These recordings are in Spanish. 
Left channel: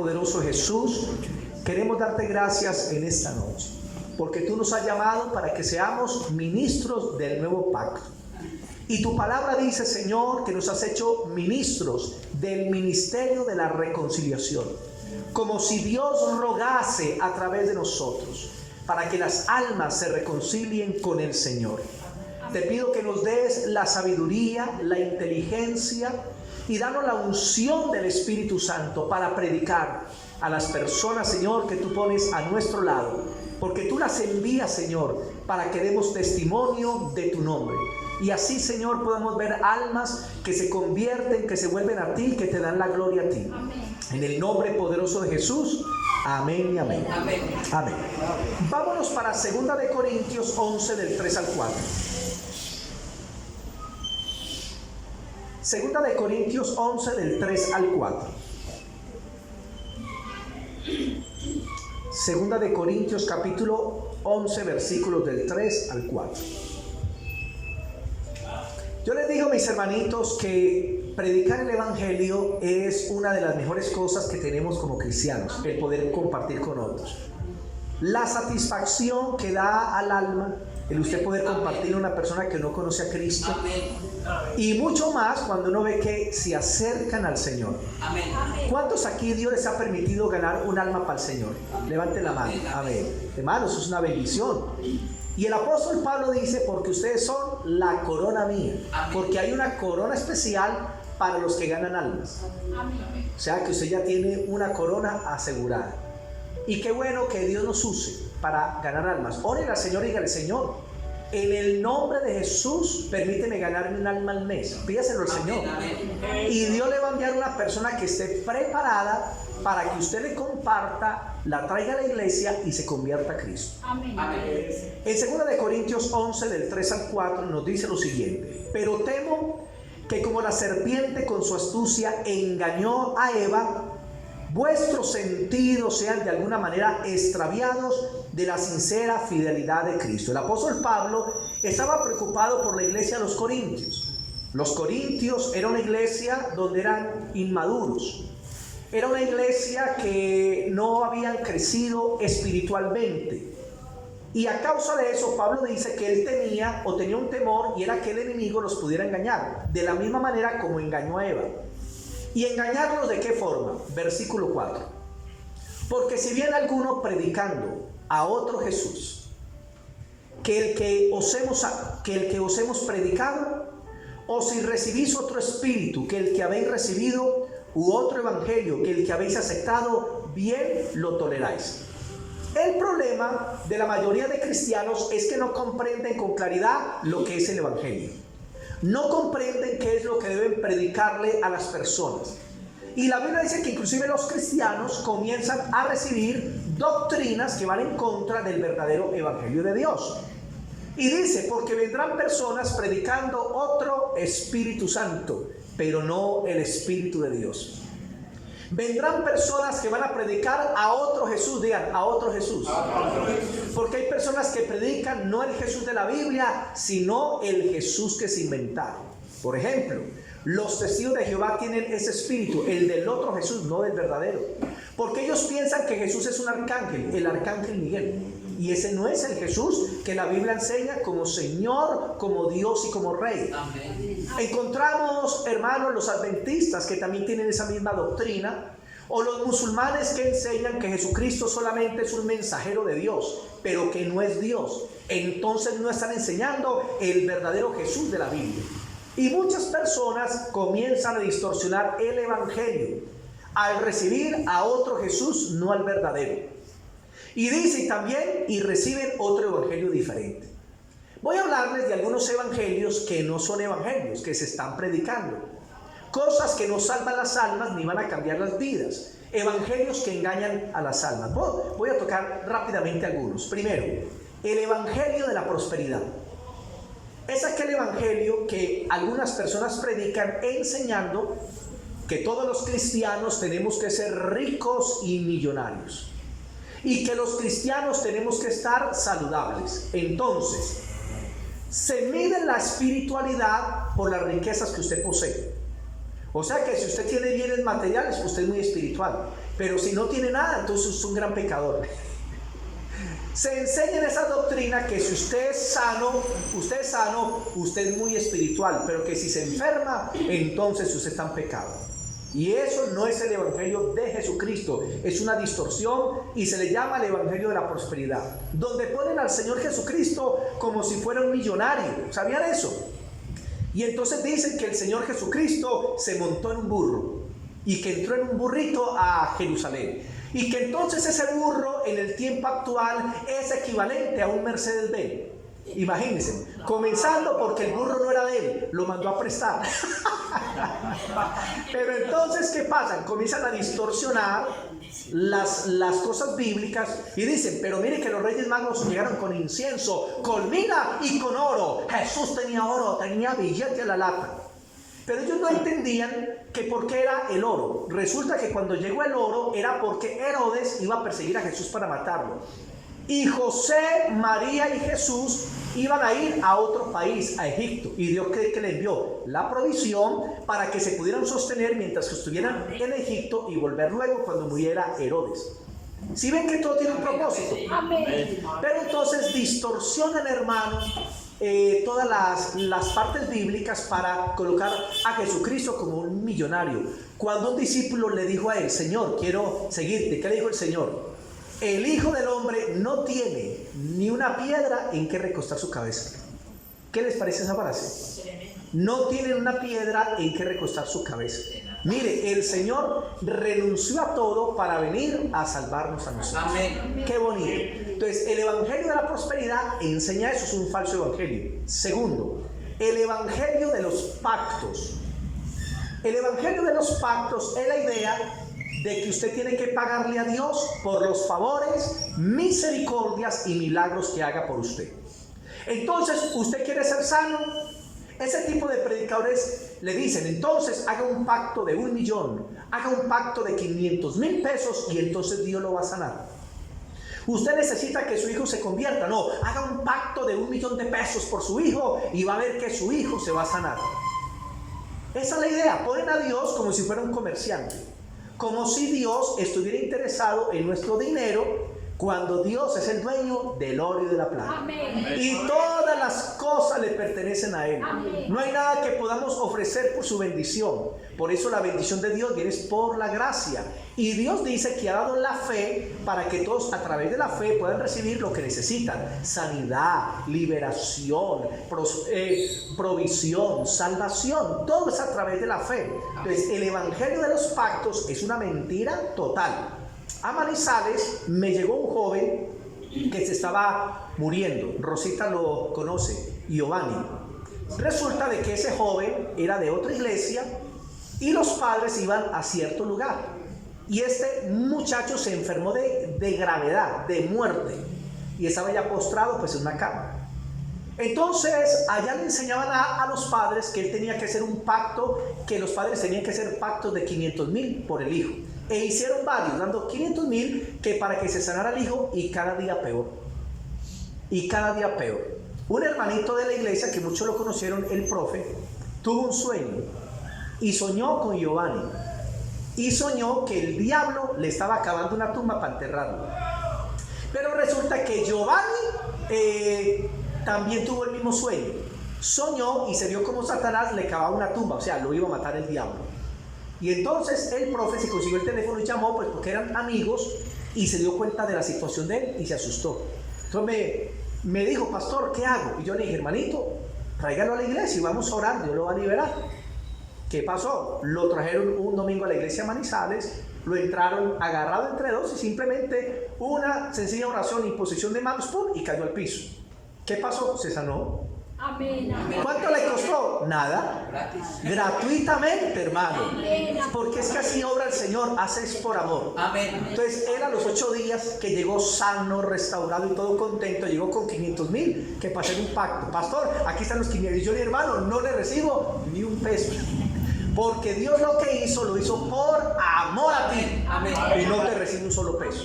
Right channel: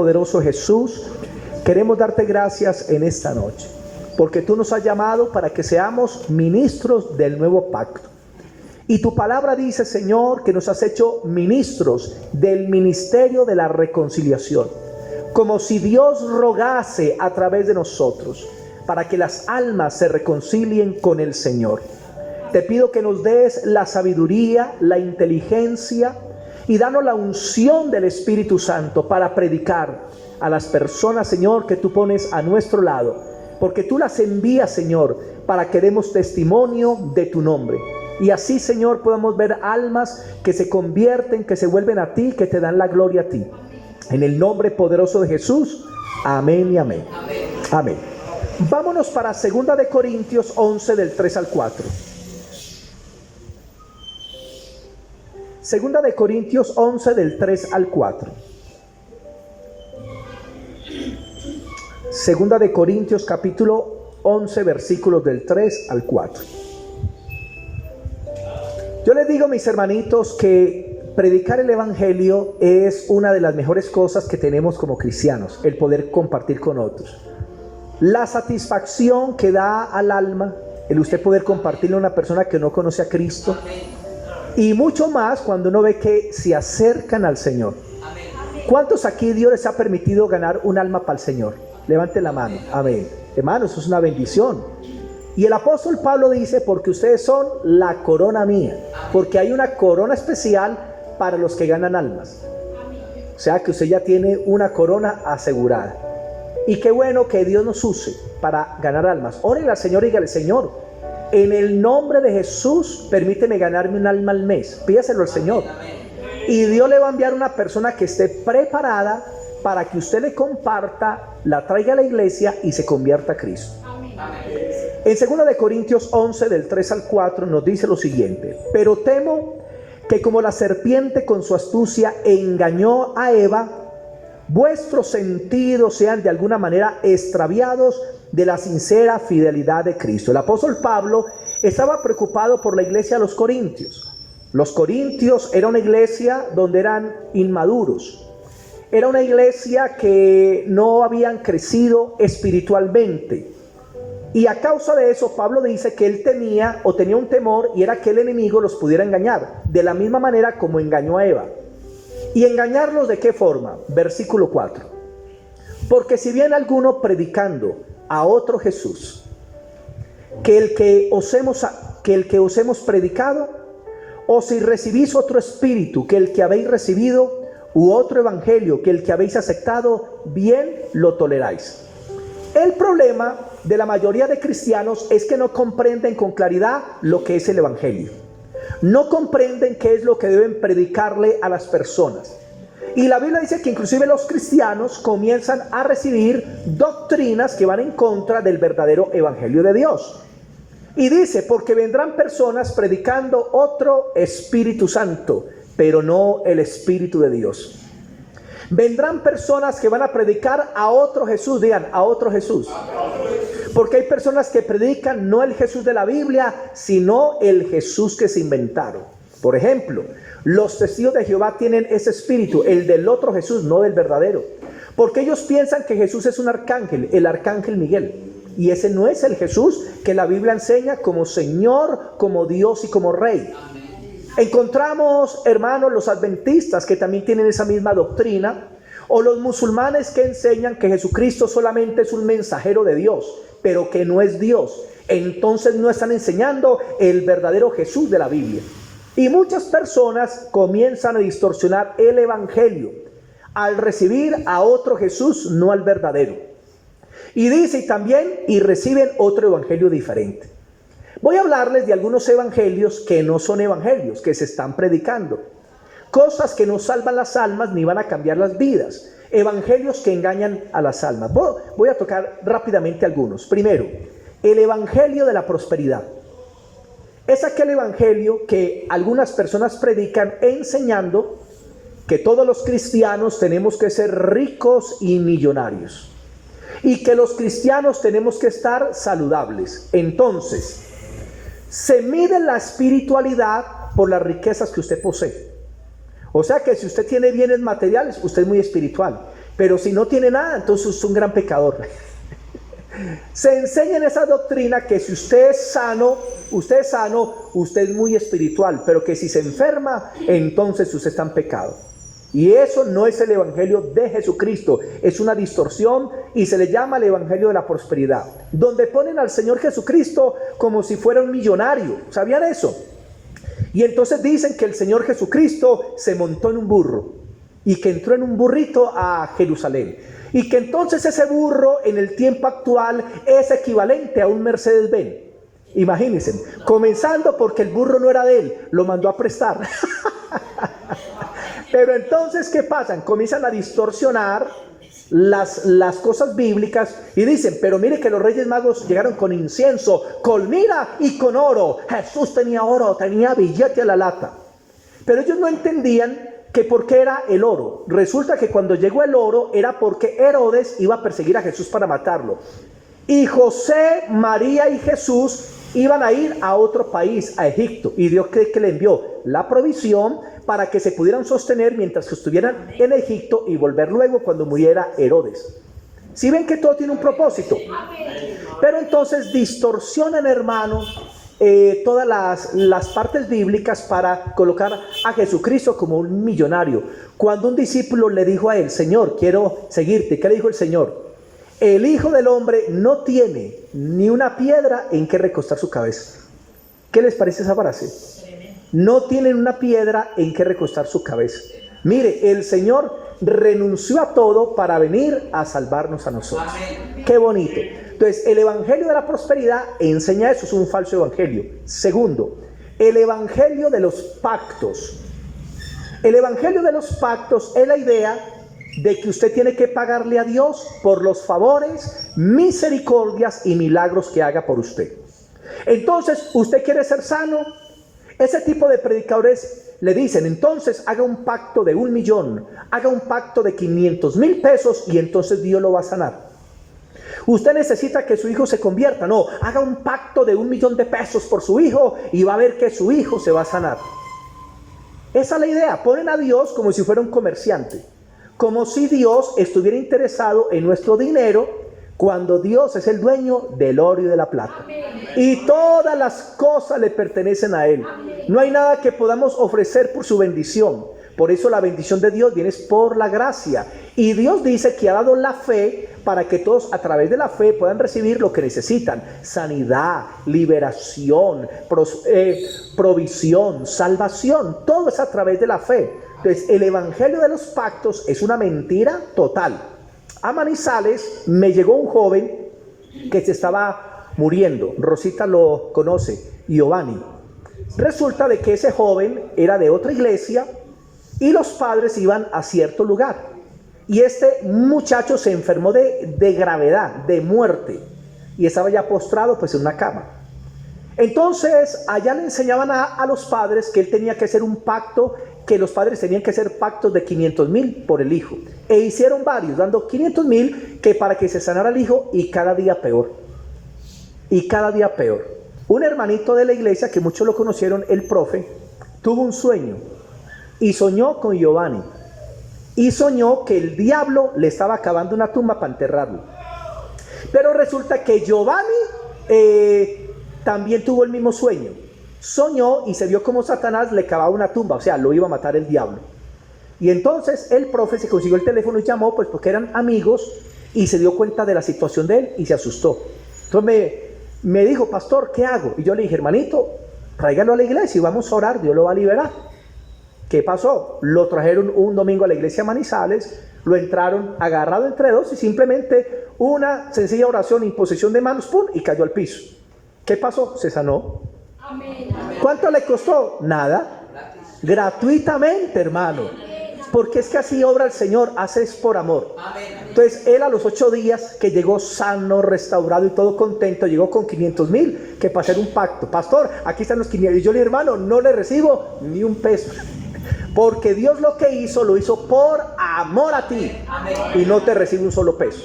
poderoso de Jesús, queremos darte gracias en esta noche, porque tú nos has llamado para que seamos ministros del nuevo pacto. Y tu palabra dice, Señor, que nos has hecho ministros del ministerio de la reconciliación, como si Dios rogase a través de nosotros para que las almas se reconcilien con el Señor. Te pido que nos des la sabiduría, la inteligencia y danos la unción del Espíritu Santo para predicar a las personas, Señor, que tú pones a nuestro lado, porque tú las envías, Señor, para que demos testimonio de tu nombre. Y así, Señor, podamos ver almas que se convierten, que se vuelven a ti, que te dan la gloria a ti. En el nombre poderoso de Jesús, amén y amén. Amén. Amén. Vámonos para 2 de Corintios 11 del 3 al 4. 2 de Corintios 11 del 3 al 4. 2 de Corintios capítulo 11 versículos del 3 al 4. Yo les digo, mis hermanitos, que predicar el evangelio es una de las mejores cosas que tenemos como cristianos, el poder compartir con otros. La satisfacción que da al alma el usted poder compartirle a una persona que no conoce a Cristo, y mucho más cuando uno ve que se acercan al Señor. ¿Cuántos aquí Dios les ha permitido ganar un alma para el Señor? Levanten la mano. Amén. Hermanos, eso es una bendición. Y el apóstol Pablo dice, porque ustedes son la corona mía, porque hay una corona especial para los que ganan almas. O sea que usted ya tiene una corona asegurada. Y qué bueno que Dios nos use para ganar almas. Órale al Señor y dígale, Señor, en el nombre de Jesús, permíteme ganarme un alma al mes. Pídaselo al Señor. Y Dios le va a enviar una persona que esté preparada para que usted le comparta, la traiga a la iglesia y se convierta a Cristo. Amén. En 2 de Corintios 11 del 3 al 4 nos dice lo siguiente: pero temo que como la serpiente con su astucia engañó a Eva, vuestros sentidos sean de alguna manera extraviados de la sincera fidelidad de Cristo. El apóstol Pablo estaba preocupado por la iglesia de los Corintios. Los Corintios era una iglesia donde eran inmaduros. Era una iglesia que no habían crecido espiritualmente. Y a causa de eso, Pablo dice que él tenía un temor, y era que el enemigo los pudiera engañar, de la misma manera como engañó a Eva. ¿Y engañarlos de qué forma? Versículo 4. Porque si bien alguno predicando a otro Jesús, que el que os hemos predicado, o si recibís otro espíritu que el que habéis recibido, u otro evangelio que el que habéis aceptado, bien lo toleráis. El problema de la mayoría de cristianos es que no comprenden con claridad lo que es el evangelio. No comprenden qué es lo que deben predicarle a las personas. Y la Biblia dice que inclusive los cristianos comienzan a recibir doctrinas que van en contra del verdadero evangelio de Dios. Y dice, porque vendrán personas predicando otro Espíritu Santo, pero no el Espíritu de Dios. Vendrán personas que van a predicar a otro Jesús. Digan, a otro Jesús. Porque hay personas que predican no el Jesús de la Biblia, sino el Jesús que se inventaron. Por ejemplo, los testigos de Jehová tienen ese espíritu, el del otro Jesús, no del verdadero. Porque ellos piensan que Jesús es un arcángel, el arcángel Miguel. Y ese no es el Jesús que la Biblia enseña como Señor, como Dios y como Rey. Amén. Encontramos, hermanos, los adventistas que también tienen esa misma doctrina, o los musulmanes que enseñan que Jesucristo solamente es un mensajero de Dios, pero que no es Dios. Entonces no están enseñando el verdadero Jesús de la Biblia. Y muchas personas comienzan a distorsionar el evangelio al recibir a otro Jesús, no al verdadero. Y dice también, y reciben otro evangelio diferente. Voy a hablarles de algunos evangelios que no son evangelios, que se están predicando. Cosas que no salvan las almas ni van a cambiar las vidas. Evangelios que engañan a las almas. Voy a tocar rápidamente algunos. Primero, el evangelio de la prosperidad. Es aquel evangelio que algunas personas predican enseñando que todos los cristianos tenemos que ser ricos y millonarios. Y que los cristianos tenemos que estar saludables. Entonces, se mide la espiritualidad por las riquezas que usted posee. O sea que si usted tiene bienes materiales, usted es muy espiritual. Pero si no tiene nada, entonces es un gran pecador. Se enseña en esa doctrina que si usted es sano, usted es muy espiritual, pero que si se enferma, entonces usted está en pecado. Y eso no es el evangelio de Jesucristo, es una distorsión y se le llama el evangelio de la prosperidad, donde ponen al Señor Jesucristo como si fuera un millonario. ¿Sabían eso? Y entonces dicen que el Señor Jesucristo se montó en un burro y que entró en un burrito a Jerusalén. Y que entonces ese burro en el tiempo actual es equivalente a un Mercedes-Benz. Imagínense, comenzando porque el burro no era de él, lo mandó a prestar. Pero entonces, ¿qué pasa? Comienzan a distorsionar las cosas bíblicas y dicen, pero mire que los Reyes Magos llegaron con incienso, con mirra y con oro. Jesús tenía oro, tenía billete a la lata. Pero ellos no entendían que por qué era el oro. Resulta que cuando llegó el oro era porque Herodes iba a perseguir a Jesús para matarlo. Y José, María y Jesús iban a ir a otro país, a Egipto. Y Dios cree que le envió la provisión para que se pudieran sostener mientras que estuvieran en Egipto y volver luego cuando muriera Herodes. ¿Sí ven que todo tiene un propósito? Pero entonces distorsionan, hermanos, todas las partes bíblicas para colocar a Jesucristo como un millonario. Cuando un discípulo le dijo a él, Señor, quiero seguirte, ¿qué le dijo el Señor? El Hijo del Hombre no tiene ni una piedra en que recostar su cabeza. ¿Qué les parece esa frase? No tienen una piedra en que recostar su cabeza. Mire, el Señor renunció a todo para venir a salvarnos a nosotros. Amén. Qué bonito. Entonces, el evangelio de la prosperidad enseña eso, es un falso evangelio. Segundo, el evangelio de los pactos. El evangelio de los pactos es la idea de que usted tiene que pagarle a Dios por los favores, misericordias y milagros que haga por usted. Entonces, ¿usted quiere ser sano? Ese tipo de predicadores le dicen, entonces haga un pacto de 1 millón, haga un pacto de 500,000 pesos y entonces Dios lo va a sanar. Usted necesita que su hijo se convierta, no, haga un pacto de 1 millón de pesos por su hijo y va a ver que su hijo se va a sanar. Esa es la idea, ponen a Dios como si fuera un comerciante, como si Dios estuviera interesado en nuestro dinero, cuando Dios es el dueño del oro y de la plata. Amén. Y todas las cosas le pertenecen a Él. Amén. No hay nada que podamos ofrecer por su bendición. Por eso la bendición de Dios viene por la gracia. Y Dios dice que ha dado la fe para que todos a través de la fe puedan recibir lo que necesitan. Sanidad, liberación, provisión, salvación. Todo es a través de la fe. Entonces el evangelio de los pactos es una mentira total. A Manizales me llegó un joven que se estaba muriendo. Rosita lo conoce, Giovanni. Resulta de que ese joven era de otra iglesia y los padres iban a cierto lugar. Y este muchacho se enfermó de gravedad, de muerte. Y estaba ya postrado pues en una cama. Entonces allá le enseñaban a los padres que él tenía que hacer un pacto, que los padres tenían que hacer pactos de 500,000 por el hijo. E hicieron varios, dando 500,000 que para que se sanara el hijo, y cada día peor. Y cada día peor. Un hermanito de la iglesia, que muchos lo conocieron, el profe, tuvo un sueño y soñó con Giovanni. Y soñó que el diablo le estaba cavando una tumba para enterrarlo. Pero resulta que Giovanni también tuvo el mismo sueño. Soñó y se vio como Satanás le cavaba una tumba, o sea, lo iba a matar el diablo. Y entonces el profe se consiguió el teléfono y llamó, pues porque eran amigos, y se dio cuenta de la situación de él y se asustó. Entonces me dijo, pastor, ¿qué hago? Y yo le dije, hermanito, tráigalo a la iglesia y vamos a orar, Dios lo va a liberar. ¿Qué pasó? Lo trajeron un domingo a la iglesia Manizales, lo entraron agarrado entre dos y simplemente una sencilla oración, imposición de manos, ¡pum!, y cayó al piso. ¿Qué pasó? Se sanó. Amén. ¿Cuánto le costó? Nada. Gratuitamente, hermano. Porque es que así obra el Señor, hace es por amor. Entonces él a los 8 días que llegó sano, restaurado y todo contento, llegó con 500,000 que para hacer un pacto. Pastor, aquí están los 500. Y yo le dije, hermano, no le recibo ni un peso. Porque Dios lo que hizo, lo hizo por amor a ti. Y no te recibe un solo peso.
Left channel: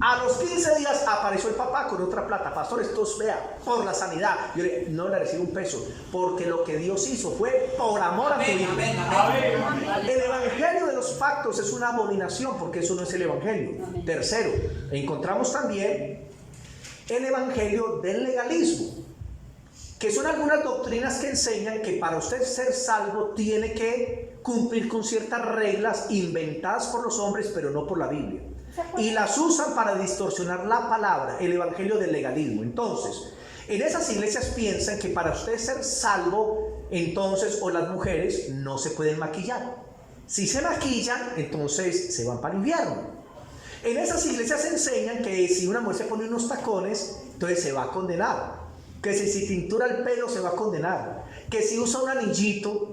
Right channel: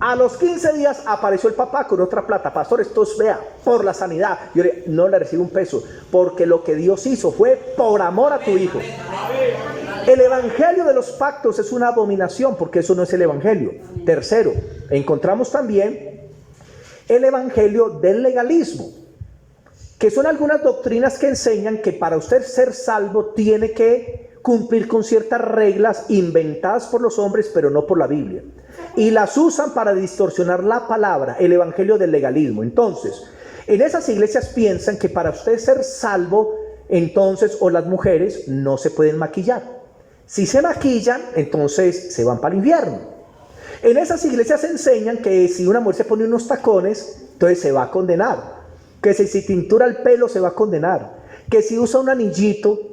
A los 15 días apareció el papá con otra plata. Pastor, esto es, vea, por la sanidad. Yo le no le recibo un peso, porque lo que Dios hizo fue por amor a tu hijo. El evangelio de los pactos es una abominación, porque eso no es el evangelio. Tercero, encontramos también el evangelio del legalismo, que son algunas doctrinas que enseñan que para usted ser salvo tiene que cumplir con ciertas reglas inventadas por los hombres, pero no por la Biblia, y las usan para distorsionar la palabra, el evangelio del legalismo. Entonces, en esas iglesias piensan que para usted ser salvo, entonces, o las mujeres no se pueden maquillar. Si se maquillan, entonces se van para el infierno. En esas iglesias enseñan que si una mujer se pone unos tacones, entonces se va a condenar. Que si tintura el pelo, se va a condenar. Que si usa un anillito,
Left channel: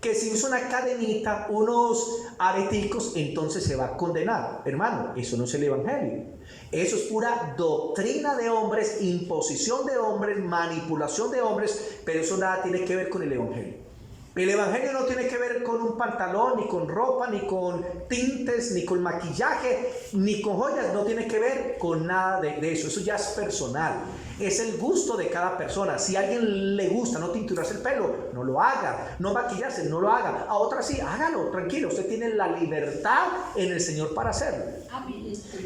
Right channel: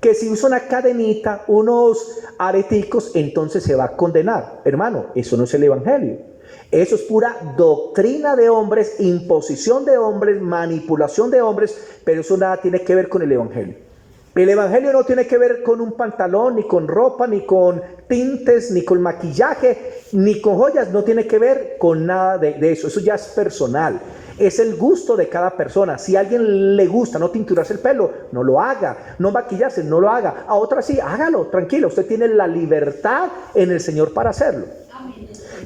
que si usa una cadenita, unos areticos, entonces se va a condenar. Hermano, eso no es el evangelio. Eso es pura doctrina de hombres, imposición de hombres, manipulación de hombres, pero eso nada tiene que ver con el evangelio. El evangelio no tiene que ver con un pantalón, ni con ropa, ni con tintes, ni con maquillaje, ni con joyas. No tiene que ver con nada de eso. Eso ya es personal. Es el gusto de cada persona. Si a alguien le gusta no tinturarse el pelo, no lo haga. No maquillarse, no lo haga. A otra sí, hágalo, tranquilo. Usted tiene la libertad en el Señor para hacerlo.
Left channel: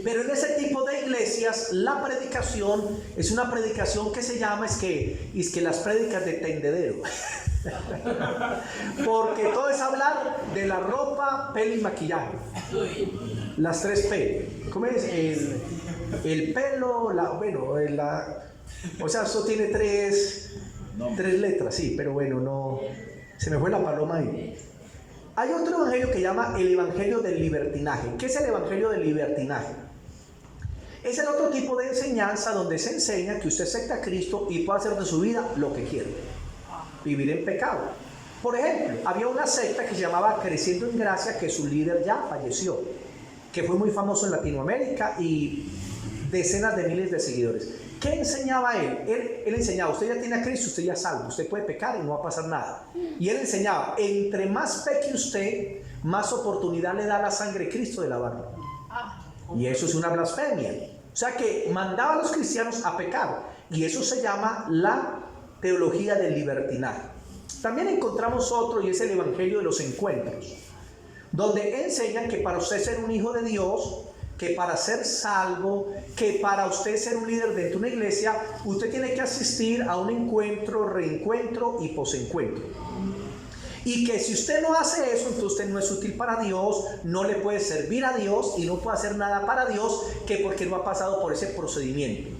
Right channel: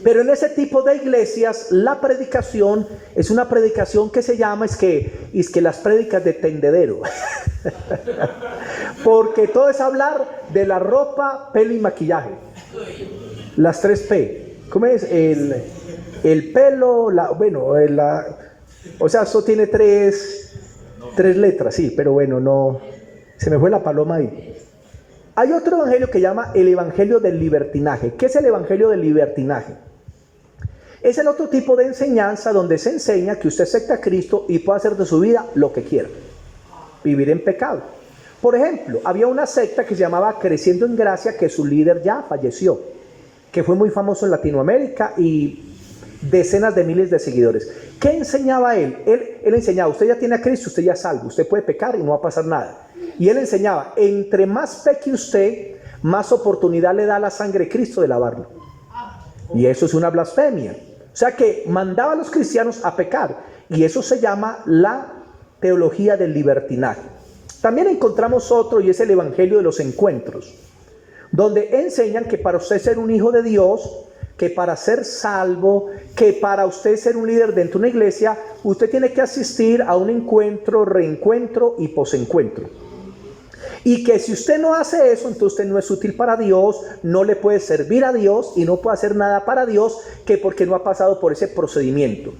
Pero en ese tipo de iglesias la predicación es una predicación que se llama es que las prédicas de tendedero. Porque todo es hablar de la ropa, pelo y maquillaje. Las 3P. ¿Cómo es? El pelo, o sea, esto tiene tres letras, sí, pero bueno, no, se me fue la paloma ahí. Hay otro evangelio que llama el evangelio del libertinaje. ¿Qué es el evangelio del libertinaje? Es el otro tipo de enseñanza donde se enseña que usted acepta a Cristo y puede hacer de su vida lo que quiera, vivir en pecado. Por ejemplo, había una secta que se llamaba Creciendo en Gracia, que su líder ya falleció, que fue muy famoso en Latinoamérica y decenas de miles de seguidores. ¿Qué enseñaba él? Él enseñaba, usted ya tiene a Cristo, usted ya es salvo, usted puede pecar y no va a pasar nada. Y él enseñaba, entre más peque usted, más oportunidad le da la sangre de Cristo de lavarlo. Y eso es una blasfemia. O sea que mandaba a los cristianos a pecar. Y eso se llama la teología del libertinaje. También encontramos otro, y es el evangelio de los encuentros, donde enseñan que para usted ser un hijo de Dios, que para ser salvo, que para usted ser un líder dentro de una iglesia, usted tiene que asistir a un encuentro, reencuentro y posencuentro. Y que si usted no hace eso, entonces usted no es útil para Dios, no le puede servir a Dios y no puede hacer nada para Dios, que porque no ha pasado por ese procedimiento.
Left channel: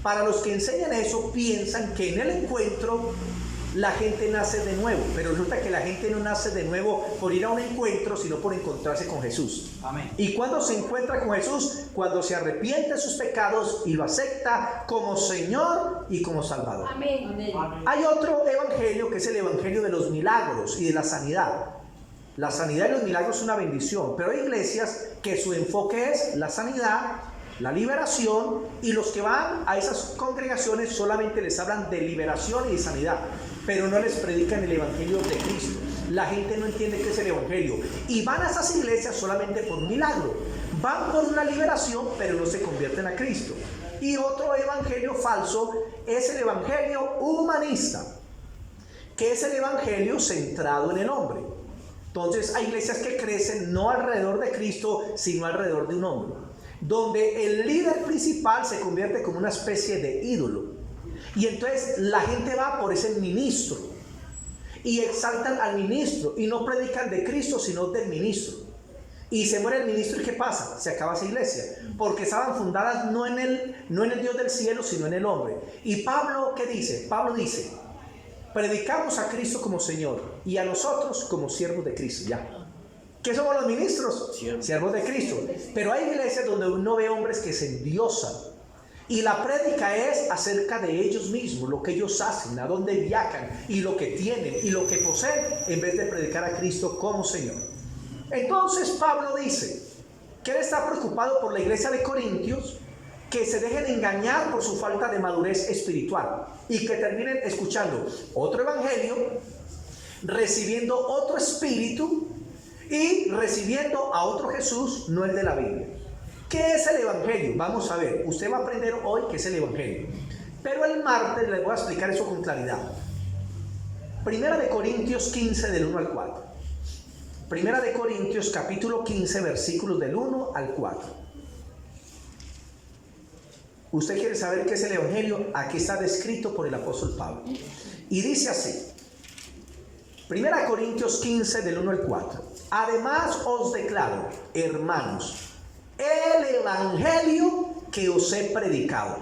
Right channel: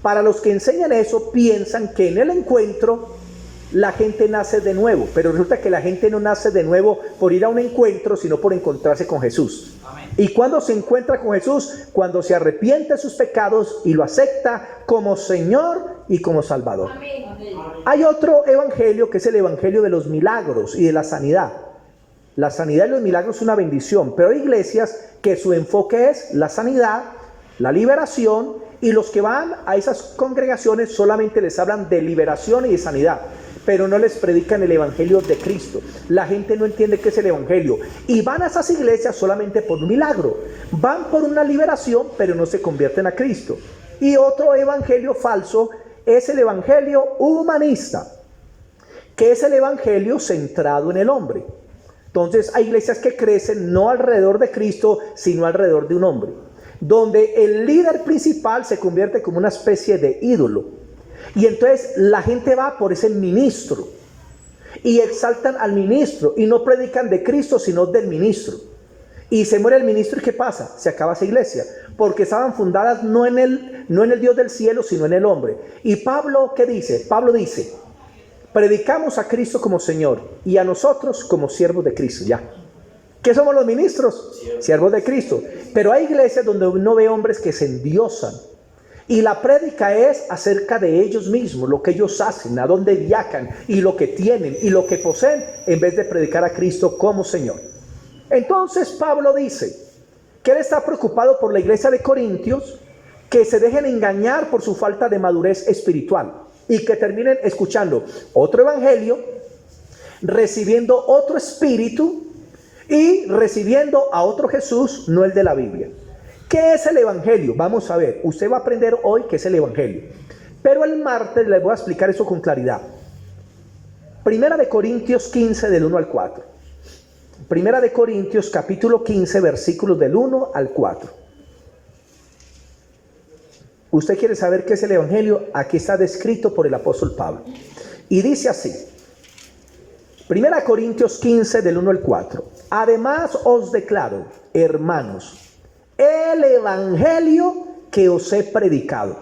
Para los que enseñan eso, piensan que en el encuentro la gente nace de nuevo, pero resulta que la gente no nace de nuevo por ir a un encuentro, sino por encontrarse con Jesús. Amén. Y cuando se encuentra con Jesús, cuando se arrepiente de sus pecados y lo acepta como Señor y como Salvador. Amén. Hay otro evangelio que es el evangelio de los milagros y de la sanidad. La sanidad y los milagros es una bendición, pero hay iglesias que su enfoque es la sanidad, la liberación, y los que van a esas congregaciones solamente les hablan de liberación y de sanidad, pero no les predican el evangelio de Cristo. La gente no entiende qué es el evangelio y van a esas iglesias solamente por un milagro, van por una liberación, pero no se convierten a Cristo. Y otro evangelio falso es el evangelio humanista, que es el evangelio centrado en el hombre. Entonces hay iglesias que crecen no alrededor de Cristo, sino alrededor de un hombre, donde el líder principal se convierte como una especie de ídolo. Y entonces la gente va por ese ministro y exaltan al ministro y no predican de Cristo sino del ministro. Y se muere el ministro, ¿y qué pasa? Se acaba esa iglesia, porque estaban fundadas no en el Dios del cielo, sino en el hombre. Y Pablo, ¿qué dice? Pablo dice, predicamos a Cristo como Señor y a nosotros como siervos de Cristo. Ya. ¿Qué somos los ministros? Siervos de Cristo. Pero hay iglesias donde uno ve hombres que se endiosan. Y la prédica es acerca de ellos mismos, lo que ellos hacen, a dónde viajan y lo que tienen y lo que poseen, en vez de predicar a Cristo como Señor. Entonces Pablo dice que él está preocupado por la iglesia de Corintios, que se dejen engañar por su falta de madurez espiritual y que terminen escuchando otro evangelio, recibiendo otro espíritu y recibiendo a otro Jesús, no el de la Biblia. ¿Qué es el evangelio? Vamos a ver, usted va a aprender hoy qué es el evangelio, pero el martes les voy a explicar eso con claridad. Primera de Corintios 15 del 1 al 4. Primera de Corintios capítulo 15 versículos del 1 al 4. Usted quiere saber qué es el Evangelio, aquí está descrito por el apóstol Pablo. Y dice así, Primera de Corintios 15 del 1 al 4. Además os declaro, hermanos, el Evangelio que os he predicado,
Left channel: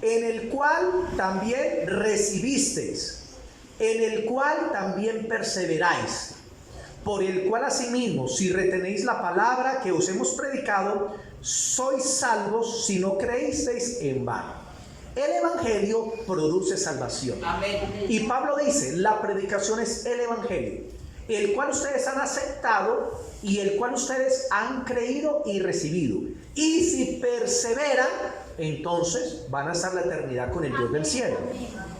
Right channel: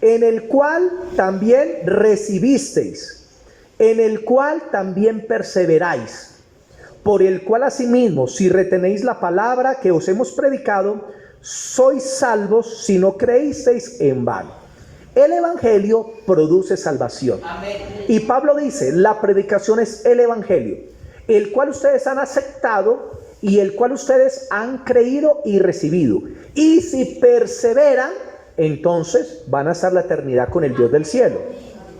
en el cual también recibisteis, en el cual también perseveráis, por el cual asimismo, si retenéis la palabra que os hemos predicado, sois salvos si no creísteis en vano. El Evangelio produce salvación. Amén. Y Pablo dice, la predicación es el Evangelio, el cual ustedes han aceptado y el cual ustedes han creído y recibido. Y si perseveran, entonces van a estar la eternidad con el Dios del cielo.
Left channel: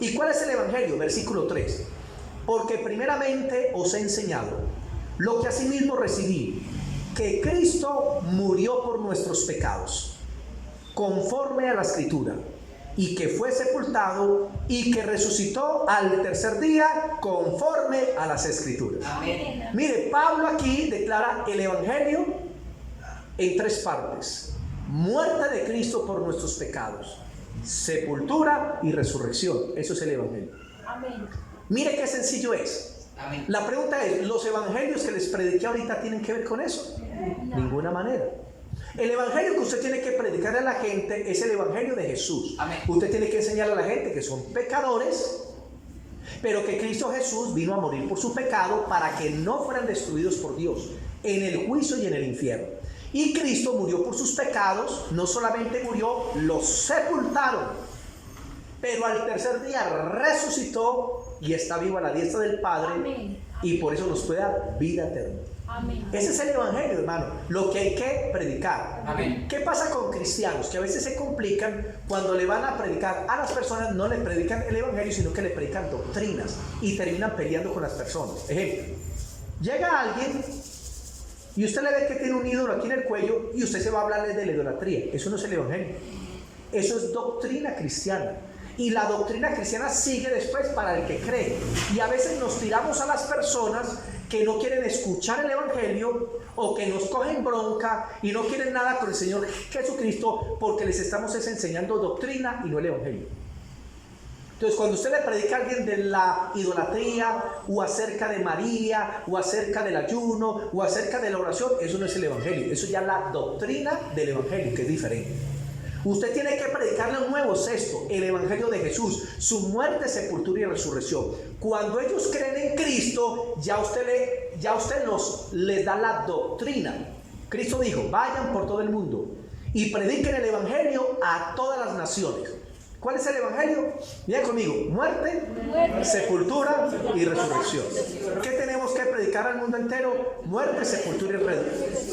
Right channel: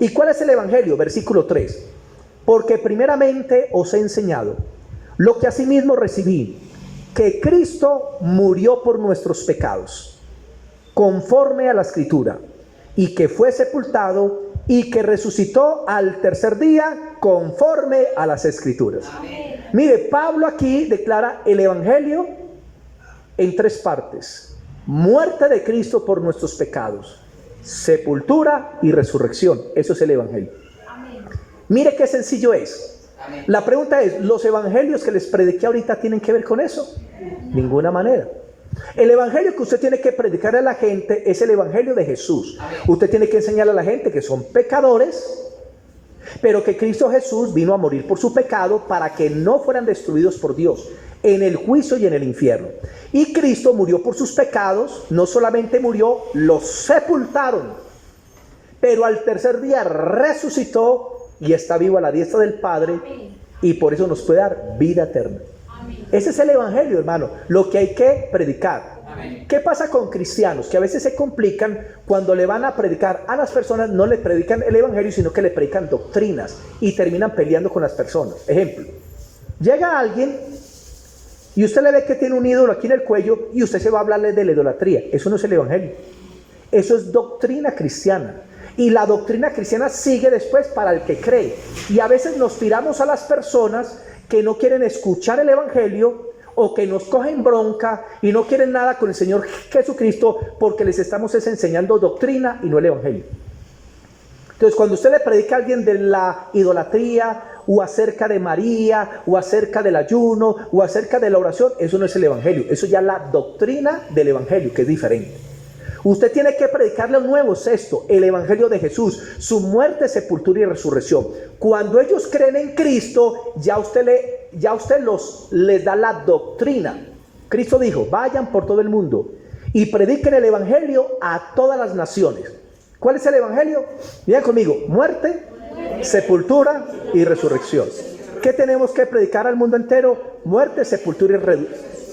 ¿Y cuál es el Evangelio? Versículo 3. Porque primeramente os he enseñado lo que asimismo recibí, que Cristo murió por nuestros pecados, conforme a la Escritura, y que fue sepultado y que resucitó al tercer día, conforme a las Escrituras. Amén. Mire, Pablo aquí declara el Evangelio en tres partes: muerte de Cristo por nuestros pecados, sepultura y resurrección. Eso es el Evangelio. Amén. Mire qué sencillo es. Amén. La pregunta es, ¿los evangelios que les prediqué ahorita tienen que ver con eso? Ninguna manera. El evangelio que usted tiene que predicar a la gente es el evangelio de Jesús. Amén. Usted tiene que enseñar a la gente que son pecadores, pero que Cristo Jesús vino a morir por su pecado para que no fueran destruidos por Dios en el juicio y en el infierno. Y Cristo murió por sus pecados, no solamente murió, los sepultaron, pero al tercer día resucitó y está vivo a la diestra del Padre. Amén. Y por eso nos puede dar vida eterna. Amén. Ese es el evangelio, hermano, lo que hay que predicar. Amén. ¿Qué pasa con cristianos? Que a veces se complican cuando le van a predicar a las personas, no le predican el evangelio, sino que le predican doctrinas y terminan peleando con las personas. Ejemplo, llega alguien y usted le ve que tiene un ídolo aquí en el cuello y usted se va a hablarle de la idolatría. Eso no es el evangelio, eso es doctrina cristiana. Y la doctrina cristiana sigue después para el que cree. Y a veces nos tiramos a las personas que no quieren escuchar el evangelio o que nos cogen bronca y no quieren nada con el Señor Jesucristo, porque les estamos enseñando doctrina y no el evangelio. Entonces, cuando usted le predica a alguien de la idolatría o acerca de María o acerca del ayuno o acerca de la oración, eso no es el evangelio, eso ya es la doctrina del evangelio, que es diferente. Usted tiene que predicarle un nuevo, es esto, el evangelio de Jesús, su muerte, sepultura y resurrección. Cuando ellos creen en Cristo, ya usted les da la doctrina. Cristo dijo, vayan por todo el mundo y prediquen el evangelio a todas las naciones. ¿Cuál es el evangelio? Miren conmigo, muerte, sepultura y resurrección. ¿Qué tenemos que predicar al mundo entero? Muerte, sepultura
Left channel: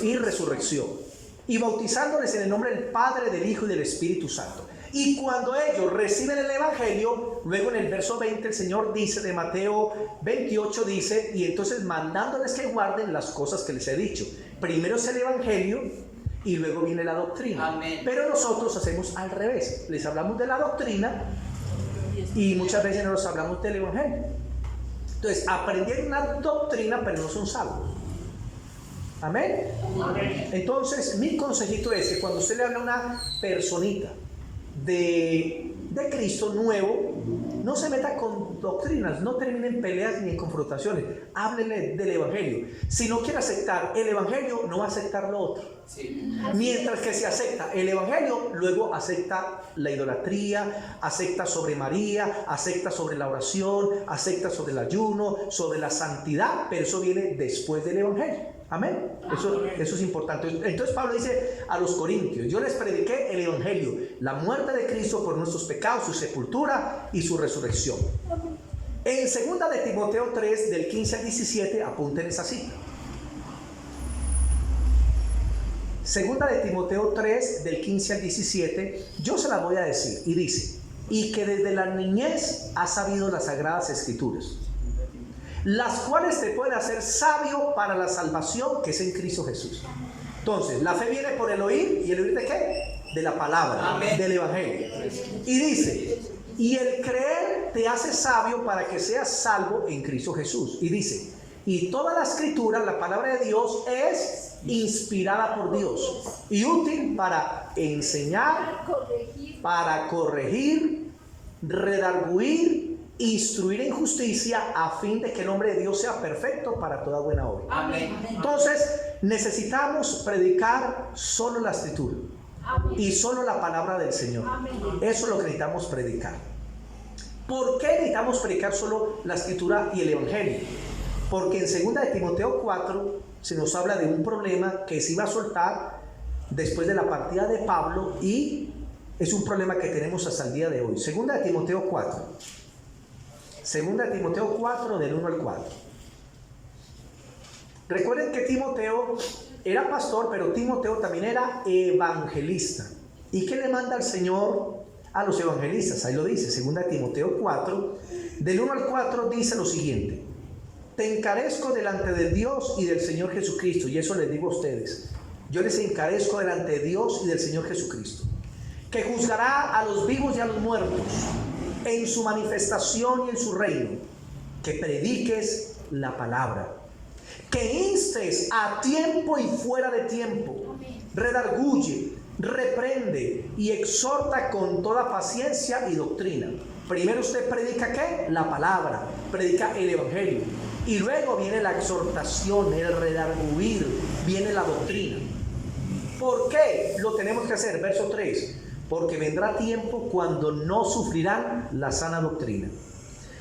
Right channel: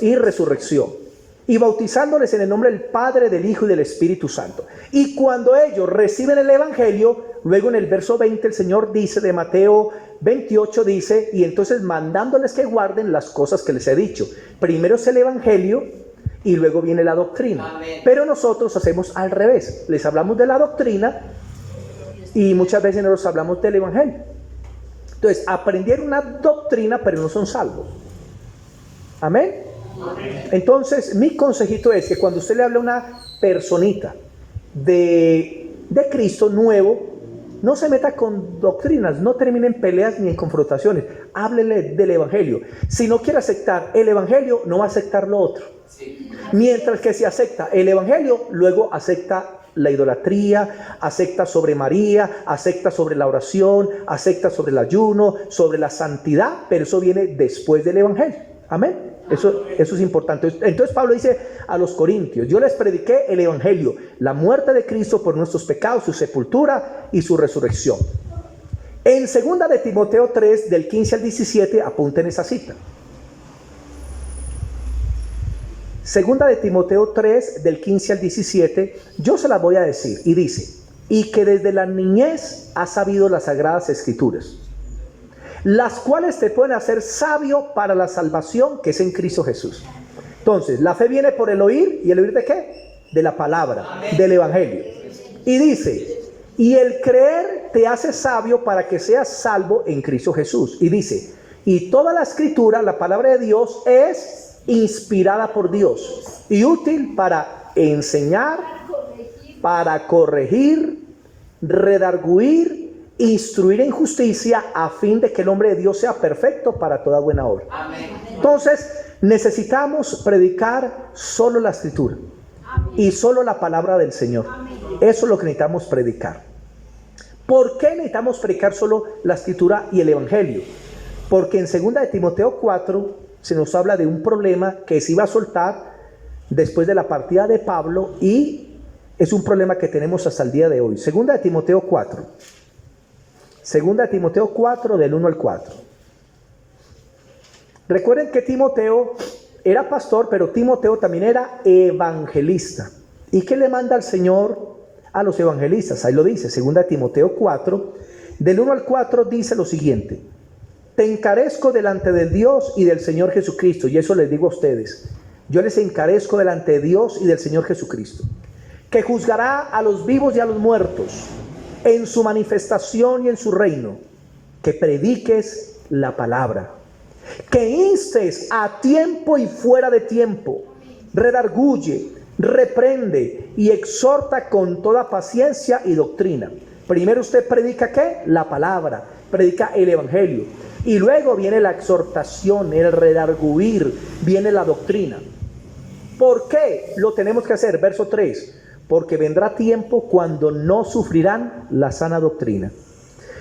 y resurrección. Y bautizándoles en el nombre del Padre, del Hijo y del Espíritu Santo. Y cuando ellos reciben el evangelio, luego en el verso 20 el Señor dice, de Mateo 28 dice, y entonces mandándoles que guarden las cosas que les he dicho. Primero es el evangelio y luego viene la doctrina. Amén. Pero nosotros hacemos al revés, les hablamos de la doctrina y muchas veces no nos hablamos del evangelio. Entonces aprendieron una doctrina pero no son salvos. Amén. Entonces mi consejito es que cuando usted le habla a una personita de Cristo nuevo, no se meta con doctrinas, no termine en peleas ni en confrontaciones, háblele del evangelio. Si no quiere aceptar el evangelio, no va a aceptar lo otro. Sí. Mientras que si acepta el evangelio, luego acepta la idolatría, acepta sobre María, acepta sobre la oración, acepta sobre el ayuno, sobre la santidad, pero eso viene después del evangelio. Amén. Eso es importante. Entonces Pablo dice a los corintios, yo les prediqué el evangelio, la muerte de Cristo por nuestros pecados, su sepultura y su resurrección. En 2 de Timoteo 3, del 15 al 17, apunten esa cita. 2 de Timoteo 3, del 15 al 17, yo se las voy a decir, y dice, y que desde la niñez has sabido las sagradas escrituras, las cuales te pueden hacer sabio para la salvación que es en Cristo Jesús. Entonces, la fe viene por el oír, ¿y el oír de qué? De la palabra, amén, del evangelio. Y dice, y el creer te hace sabio para que seas salvo en Cristo Jesús. Y dice, Y toda la escritura, la palabra de Dios, es inspirada por Dios y útil para enseñar, para corregir, redarguir, instruir en justicia, a fin de que el hombre de Dios sea perfecto para toda buena obra. Amén. Entonces, necesitamos predicar solo la escritura y solo la palabra del Señor. Eso es lo que necesitamos predicar. ¿Por qué necesitamos predicar solo la escritura y el evangelio? Porque en 2 de Timoteo 4 se nos habla de un problema que se iba a soltar después de la partida de Pablo, y es un problema que tenemos hasta el día de hoy. 2 de Timoteo 4. 2 de Timoteo 4 del 1 al 4. Recuerden que Timoteo era pastor, pero Timoteo también era evangelista. ¿Y qué le manda el Señor a los evangelistas? Ahí lo dice, 2 de Timoteo 4, del 1 al 4 dice lo siguiente: te encarezco delante de Dios y del Señor Jesucristo, y eso les digo a ustedes, yo les encarezco delante de Dios y del Señor Jesucristo, que juzgará a los vivos y a los muertos en su manifestación y en su reino, que prediques la palabra, que instes a tiempo y fuera de tiempo, redarguye, reprende y exhorta con toda paciencia y doctrina. Primero usted predica ¿qué? La palabra, predica el evangelio, y luego viene la exhortación, el redarguir, viene la doctrina. ¿Por qué lo tenemos que hacer? Verso 3: porque vendrá tiempo cuando no sufrirán la sana doctrina,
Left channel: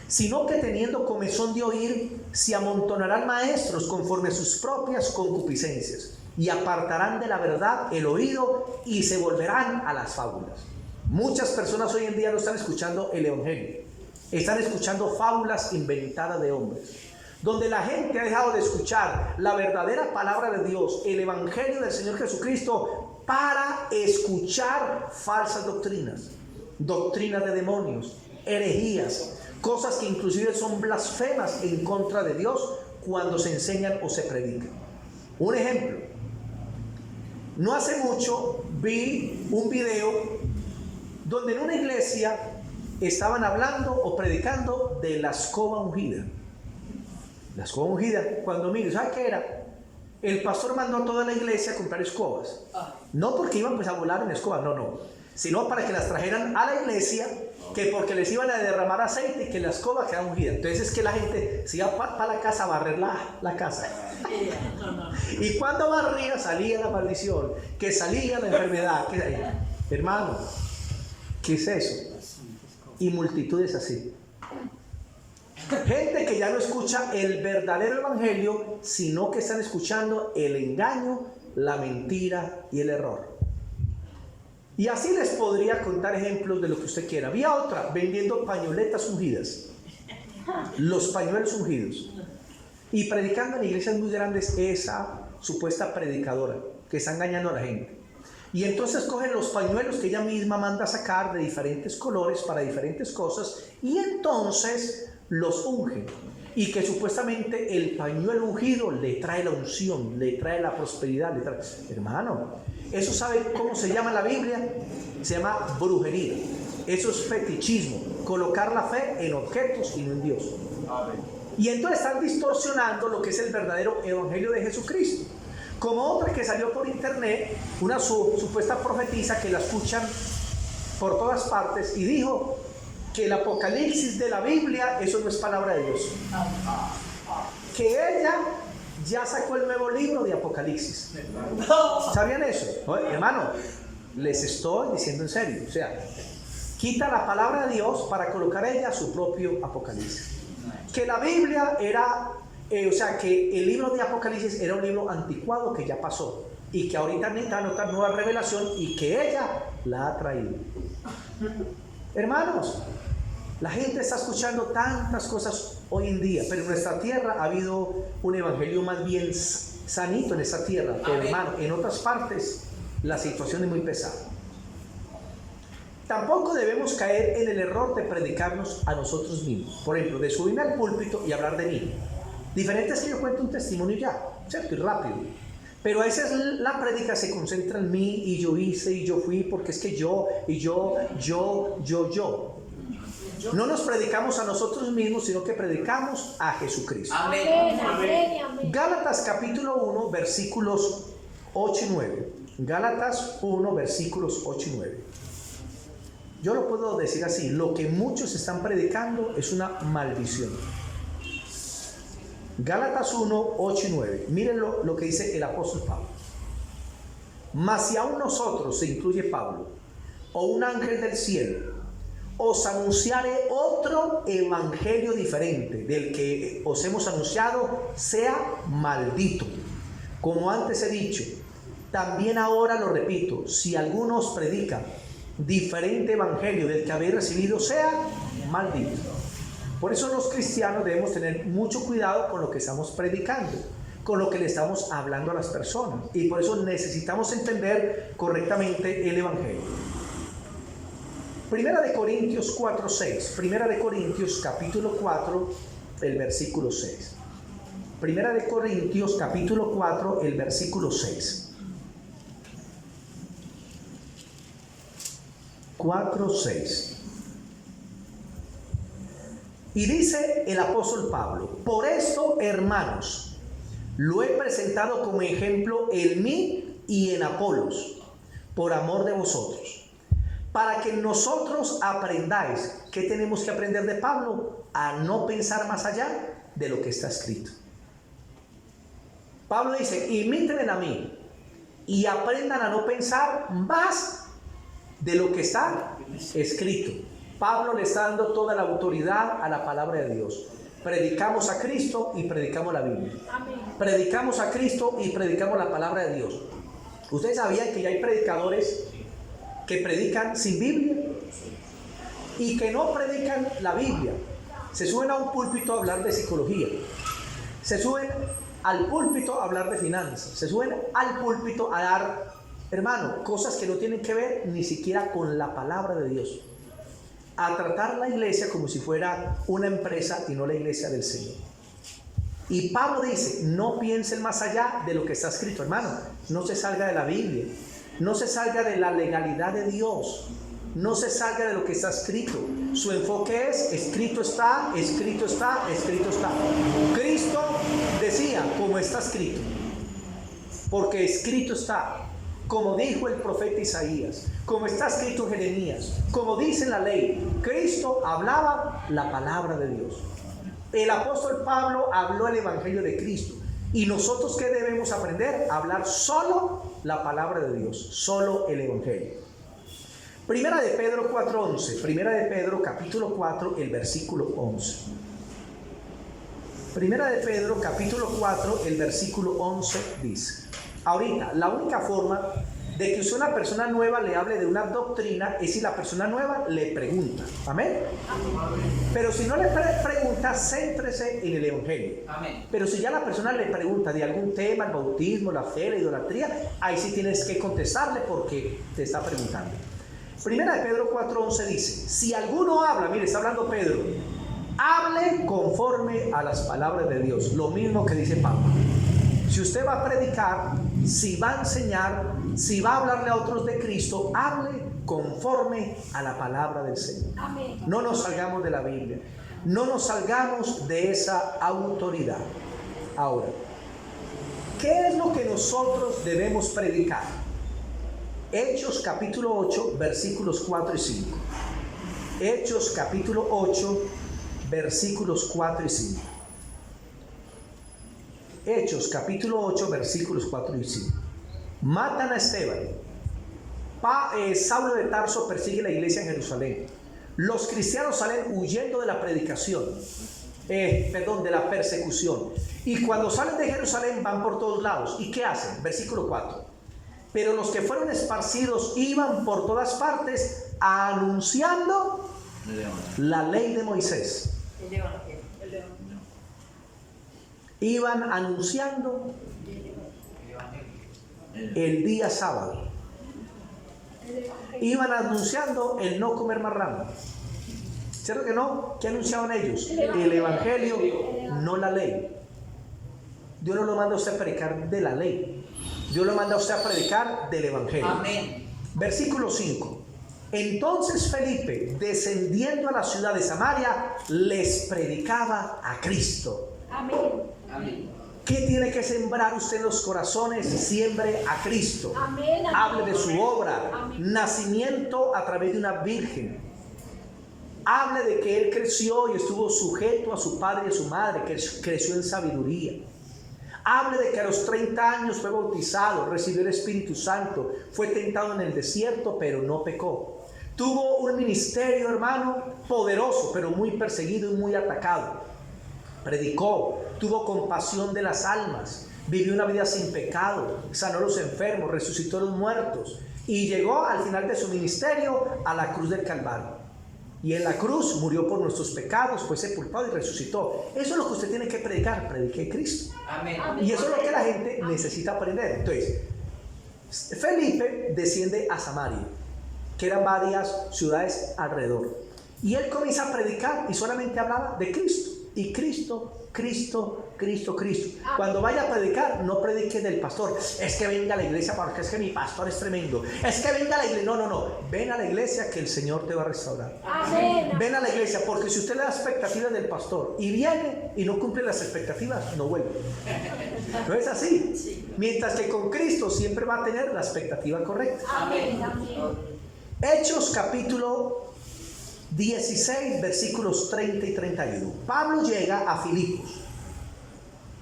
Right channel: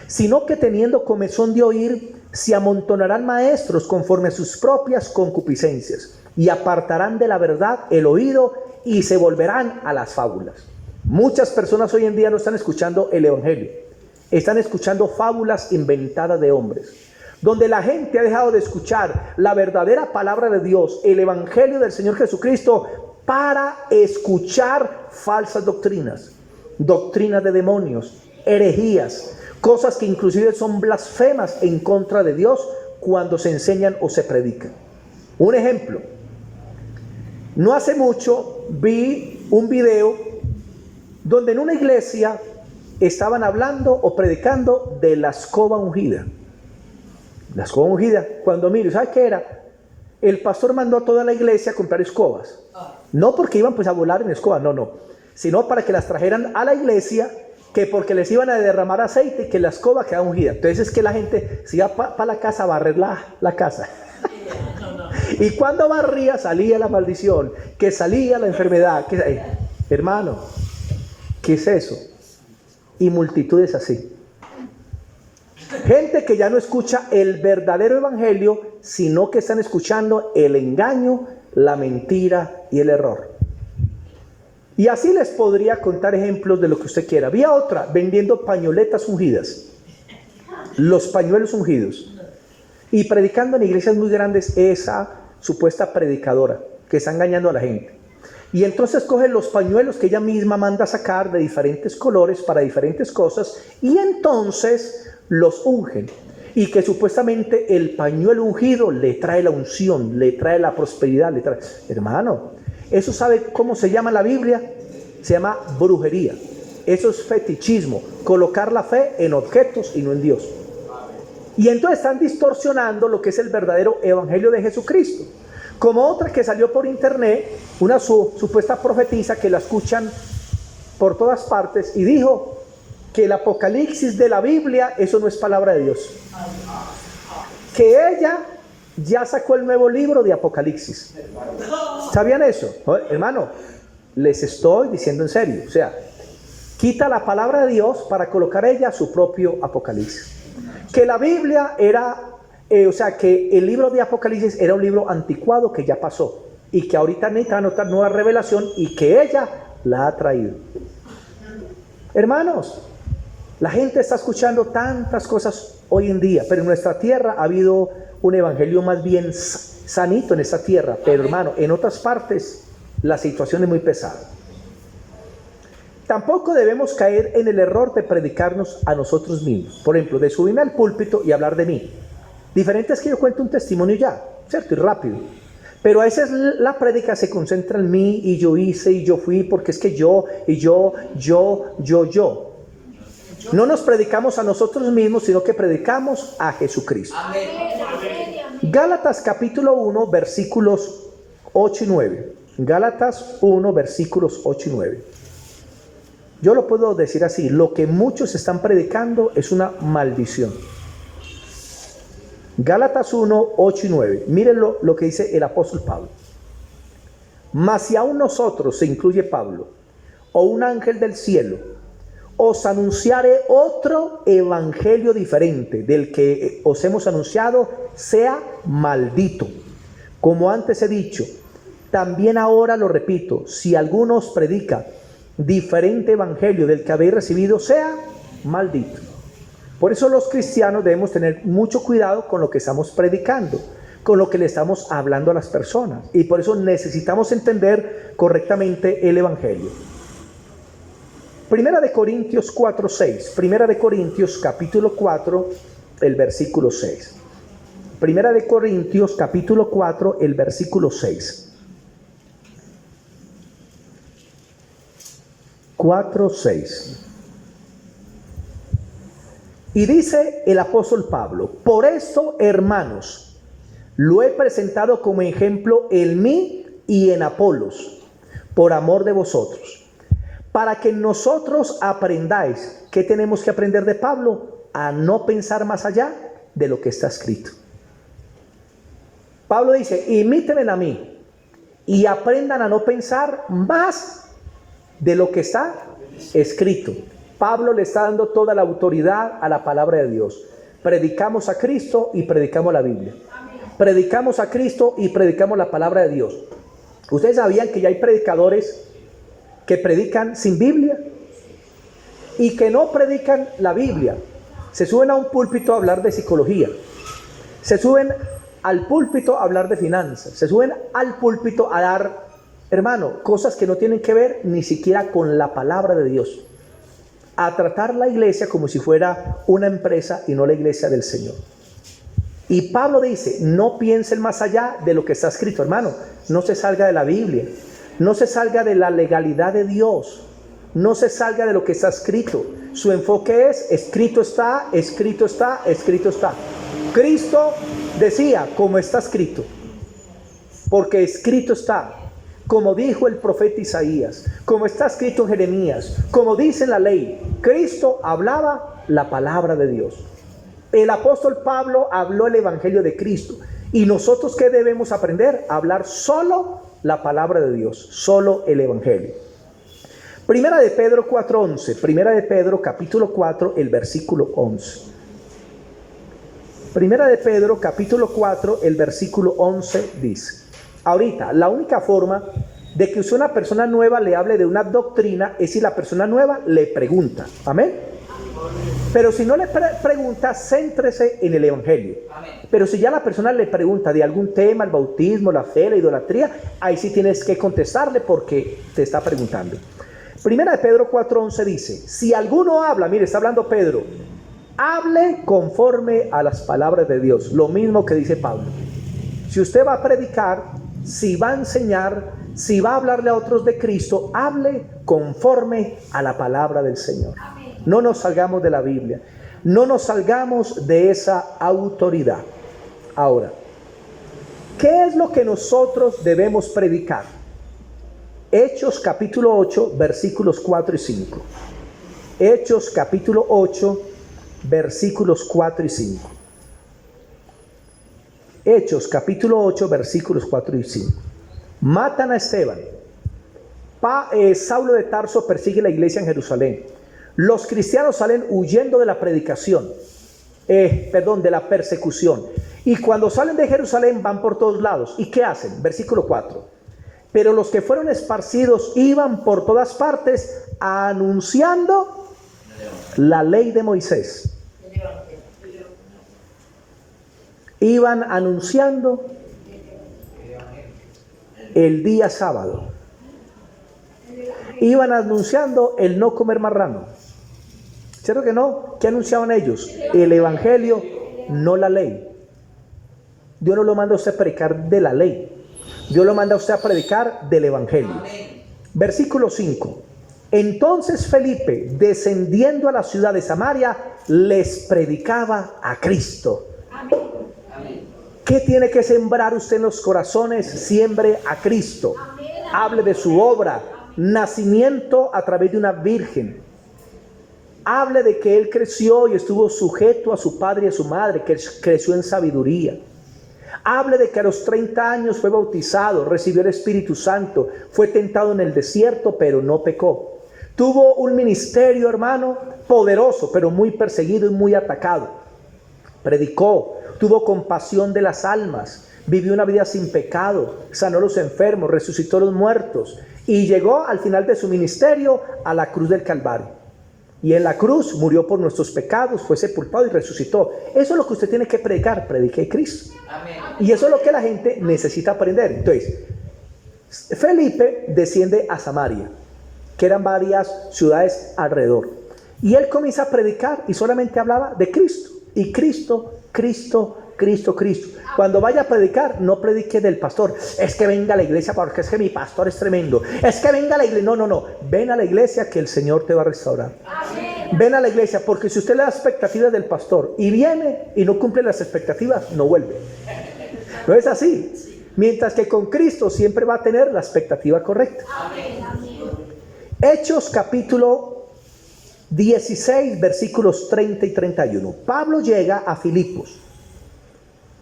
sino que teniendo comezón de oír, se amontonarán maestros conforme a sus propias concupiscencias, y apartarán de la verdad el oído y se volverán a las fábulas. Muchas personas hoy en día no están escuchando el evangelio, están escuchando fábulas inventadas de hombres, donde la gente ha dejado de escuchar la verdadera palabra de Dios, el evangelio del Señor Jesucristo, para escuchar falsas doctrinas, doctrinas de demonios, herejías, cosas que inclusive son blasfemas en contra de Dios cuando se enseñan o se predican. Un ejemplo: no hace mucho vi un video donde en una iglesia estaban hablando o predicando de la escoba ungida. La escoba ungida, cuando miro, ¿sabe qué era? El pastor mandó a toda la iglesia a comprar escobas. No porque iban pues a volar en escobas, no, sino para que las trajeran a la iglesia, que porque les iban a derramar aceite y que la escoba quedaba ungida. Entonces es que la gente se iba para la casa a barrer la casa. Y cuando barría salía la maldición, que salía la enfermedad. Hermano, ¿qué es eso? Y multitudes así. Gente que ya no escucha el verdadero evangelio, sino que están escuchando el engaño, la mentira y el error. Y así les podría contar ejemplos de lo que usted quiera. Había otra vendiendo pañoletas ungidas, los pañuelos ungidos, y predicando en iglesias muy grandes esa supuesta predicadora que está engañando a la gente. Y entonces cogen los pañuelos que ella misma manda sacar de diferentes colores para diferentes cosas, y entonces los ungen, y que supuestamente el pañuelo ungido le trae la unción, le trae la prosperidad, Hermano, eso ¿sabe cómo se llama en la Biblia? Se llama brujería. Eso es fetichismo, colocar la fe en objetos y no en Dios. Y entonces están distorsionando lo que es el verdadero evangelio de Jesucristo. Como otra que salió por internet, una supuesta profetisa que la escuchan por todas partes, y dijo que el Apocalipsis de la Biblia, eso no es palabra de Dios. Que ella ya sacó el nuevo libro de Apocalipsis. ¿Sabían eso? Hermano, les estoy diciendo en serio. O sea, quita la palabra de Dios para colocar ella su propio Apocalipsis. Que la Biblia era, que el libro de Apocalipsis era un libro anticuado que ya pasó, y que ahorita necesita anotar nueva revelación, y que ella la ha traído. Hermanos, la gente está escuchando tantas cosas hoy en día, pero en nuestra tierra ha habido un evangelio más bien sanito en esta tierra. Pero hermano, en otras partes la situación es muy pesada. Tampoco debemos caer en el error de predicarnos a nosotros mismos. Por ejemplo, de subirme al púlpito y hablar de mí. Diferente es que yo cuente un testimonio ya, ¿cierto? Y rápido. Pero a veces la prédica se concentra en mí, y yo hice, y yo fui, porque es que yo. No nos predicamos a nosotros mismos, sino que predicamos a Jesucristo. Amén. Gálatas capítulo 1, versículos 8 y 9. Gálatas 1, versículos 8 y 9. Yo lo puedo decir así: lo que muchos están predicando es una maldición. Gálatas 1, 8 y 9. Miren lo que dice el apóstol Pablo. Mas si aún nosotros, se incluye Pablo, o un ángel del cielo, os anunciare otro evangelio diferente del que os hemos anunciado, sea maldito. Como antes he dicho, también ahora lo repito: si alguno os predica diferente evangelio del que habéis recibido, sea maldito. Por eso los cristianos debemos tener mucho cuidado con lo que estamos predicando, con lo que le estamos hablando a las personas, y por eso necesitamos entender correctamente el evangelio. Primera de Corintios 4, 6. Primera de Corintios capítulo 4, el versículo 6. Primera de Corintios capítulo 4, el versículo 6. 4, 6. Y dice el apóstol Pablo: por esto, hermanos, lo he presentado como ejemplo en mí y en Apolos, por amor de vosotros, para que nosotros aprendáis. ¿Qué tenemos que aprender de Pablo? A no pensar más allá de lo que está escrito. Pablo dice: imítenme a mí y aprendan a no pensar más de lo que está escrito. Pablo le está dando toda la autoridad a la palabra de Dios. Predicamos a Cristo y predicamos la Biblia. Predicamos a Cristo y predicamos la palabra de Dios. ¿Ustedes sabían que ya hay predicadores que predican sin Biblia y que no predican la Biblia? Se suben a un púlpito a hablar de psicología, se suben al púlpito a hablar de finanzas, se suben al púlpito a dar, hermano, cosas que no tienen que ver ni siquiera con la palabra de Dios, a tratar la iglesia como si fuera una empresa y no la iglesia del Señor. Y Pablo dice: no piensen más allá de lo que está escrito, hermano. No se salga de la Biblia, no se salga de la legalidad de Dios, no se salga de lo que está escrito. Su enfoque es: escrito está, escrito está, escrito está. Cristo decía: como está escrito, porque escrito está. Como dijo el profeta Isaías, como está escrito en Jeremías, como dice en la ley. Cristo hablaba la palabra de Dios. El apóstol Pablo habló el evangelio de Cristo. ¿Y nosotros qué debemos aprender? A hablar solo la palabra de Dios, solo el evangelio. Primera de Pedro 4:11. Primera de Pedro capítulo 4, el versículo 11. Primera de Pedro capítulo 4, el versículo 11 dice: ahorita, la única forma de que usted, una persona nueva, le hable de una doctrina es si la persona nueva le pregunta. Amén. Pero si no le pregunta, céntrese en el evangelio. Amén. Pero si ya la persona le pregunta de algún tema, el bautismo, la fe, la idolatría, ahí sí tienes que contestarle porque te está preguntando. Primera de Pedro 4:11 dice: si alguno habla, mire, está hablando Pedro, hable conforme a las palabras de Dios. Lo mismo que dice Pablo. Si usted va a predicar, si va a enseñar, si va a hablarle a otros de Cristo, hable conforme a la palabra del Señor. Amén. No nos salgamos de la Biblia, no nos salgamos de esa autoridad. Ahora, ¿qué es lo que nosotros debemos predicar? Hechos capítulo 8, versículos 4 y 5. Hechos capítulo 8, versículos 4 y 5. Hechos capítulo 8, versículos 4 y 5. Matan a Esteban. Saulo de Tarso persigue la iglesia en Jerusalén. Los cristianos salen huyendo de la predicación, de la persecución. Y cuando salen de Jerusalén van por todos lados. ¿Y qué hacen? Versículo 4. Pero los que fueron esparcidos iban por todas partes anunciando la ley de Moisés. Iban anunciando el día sábado. Iban anunciando el no comer marrano. ¿Cierto que no? ¿Qué anunciaban ellos? El evangelio, no la ley. Dios no lo manda a usted a predicar de la ley. Dios lo manda a usted a predicar del evangelio. Amén. Versículo 5. Entonces Felipe, descendiendo a la ciudad de Samaria, les predicaba a Cristo. Amén. Amén. ¿Qué tiene que sembrar usted en los corazones? Siembre a Cristo. Amén. Hable de su obra, nacimiento a través de una virgen. Hable de que él creció y estuvo sujeto a su padre y a su madre, que creció en sabiduría. Hable de que a los 30 años fue bautizado, recibió el Espíritu Santo, fue tentado en el desierto, pero no pecó. Tuvo un ministerio, hermano, poderoso, pero muy perseguido y muy atacado. Predicó, tuvo compasión de las almas, vivió una vida sin pecado, sanó a los enfermos, resucitó a los muertos y llegó al final de su ministerio a la cruz del Calvario. Y en la cruz murió por nuestros pecados, fue sepultado y resucitó. Eso es lo que usted tiene que predicar, predique Cristo. Amén. Y eso es lo que la gente necesita aprender. Entonces, Felipe desciende a Samaria, que eran varias ciudades alrededor. Y él comienza a predicar y solamente hablaba de Cristo. Y Cristo, Cristo, Cristo, Cristo. Cuando vaya a predicar, no predique del pastor. Es que venga a la iglesia porque es que mi pastor es tremendo. Es que venga a la iglesia. No. Ven a la iglesia que el Señor te va a restaurar. Amén. Ven a la iglesia porque si usted le da expectativas del pastor y viene y no cumple las expectativas, no vuelve. No es así. Mientras que con Cristo siempre va a tener la expectativa correcta. Amén. Hechos capítulo 16 versículos 30 y 31. Pablo llega a Filipos,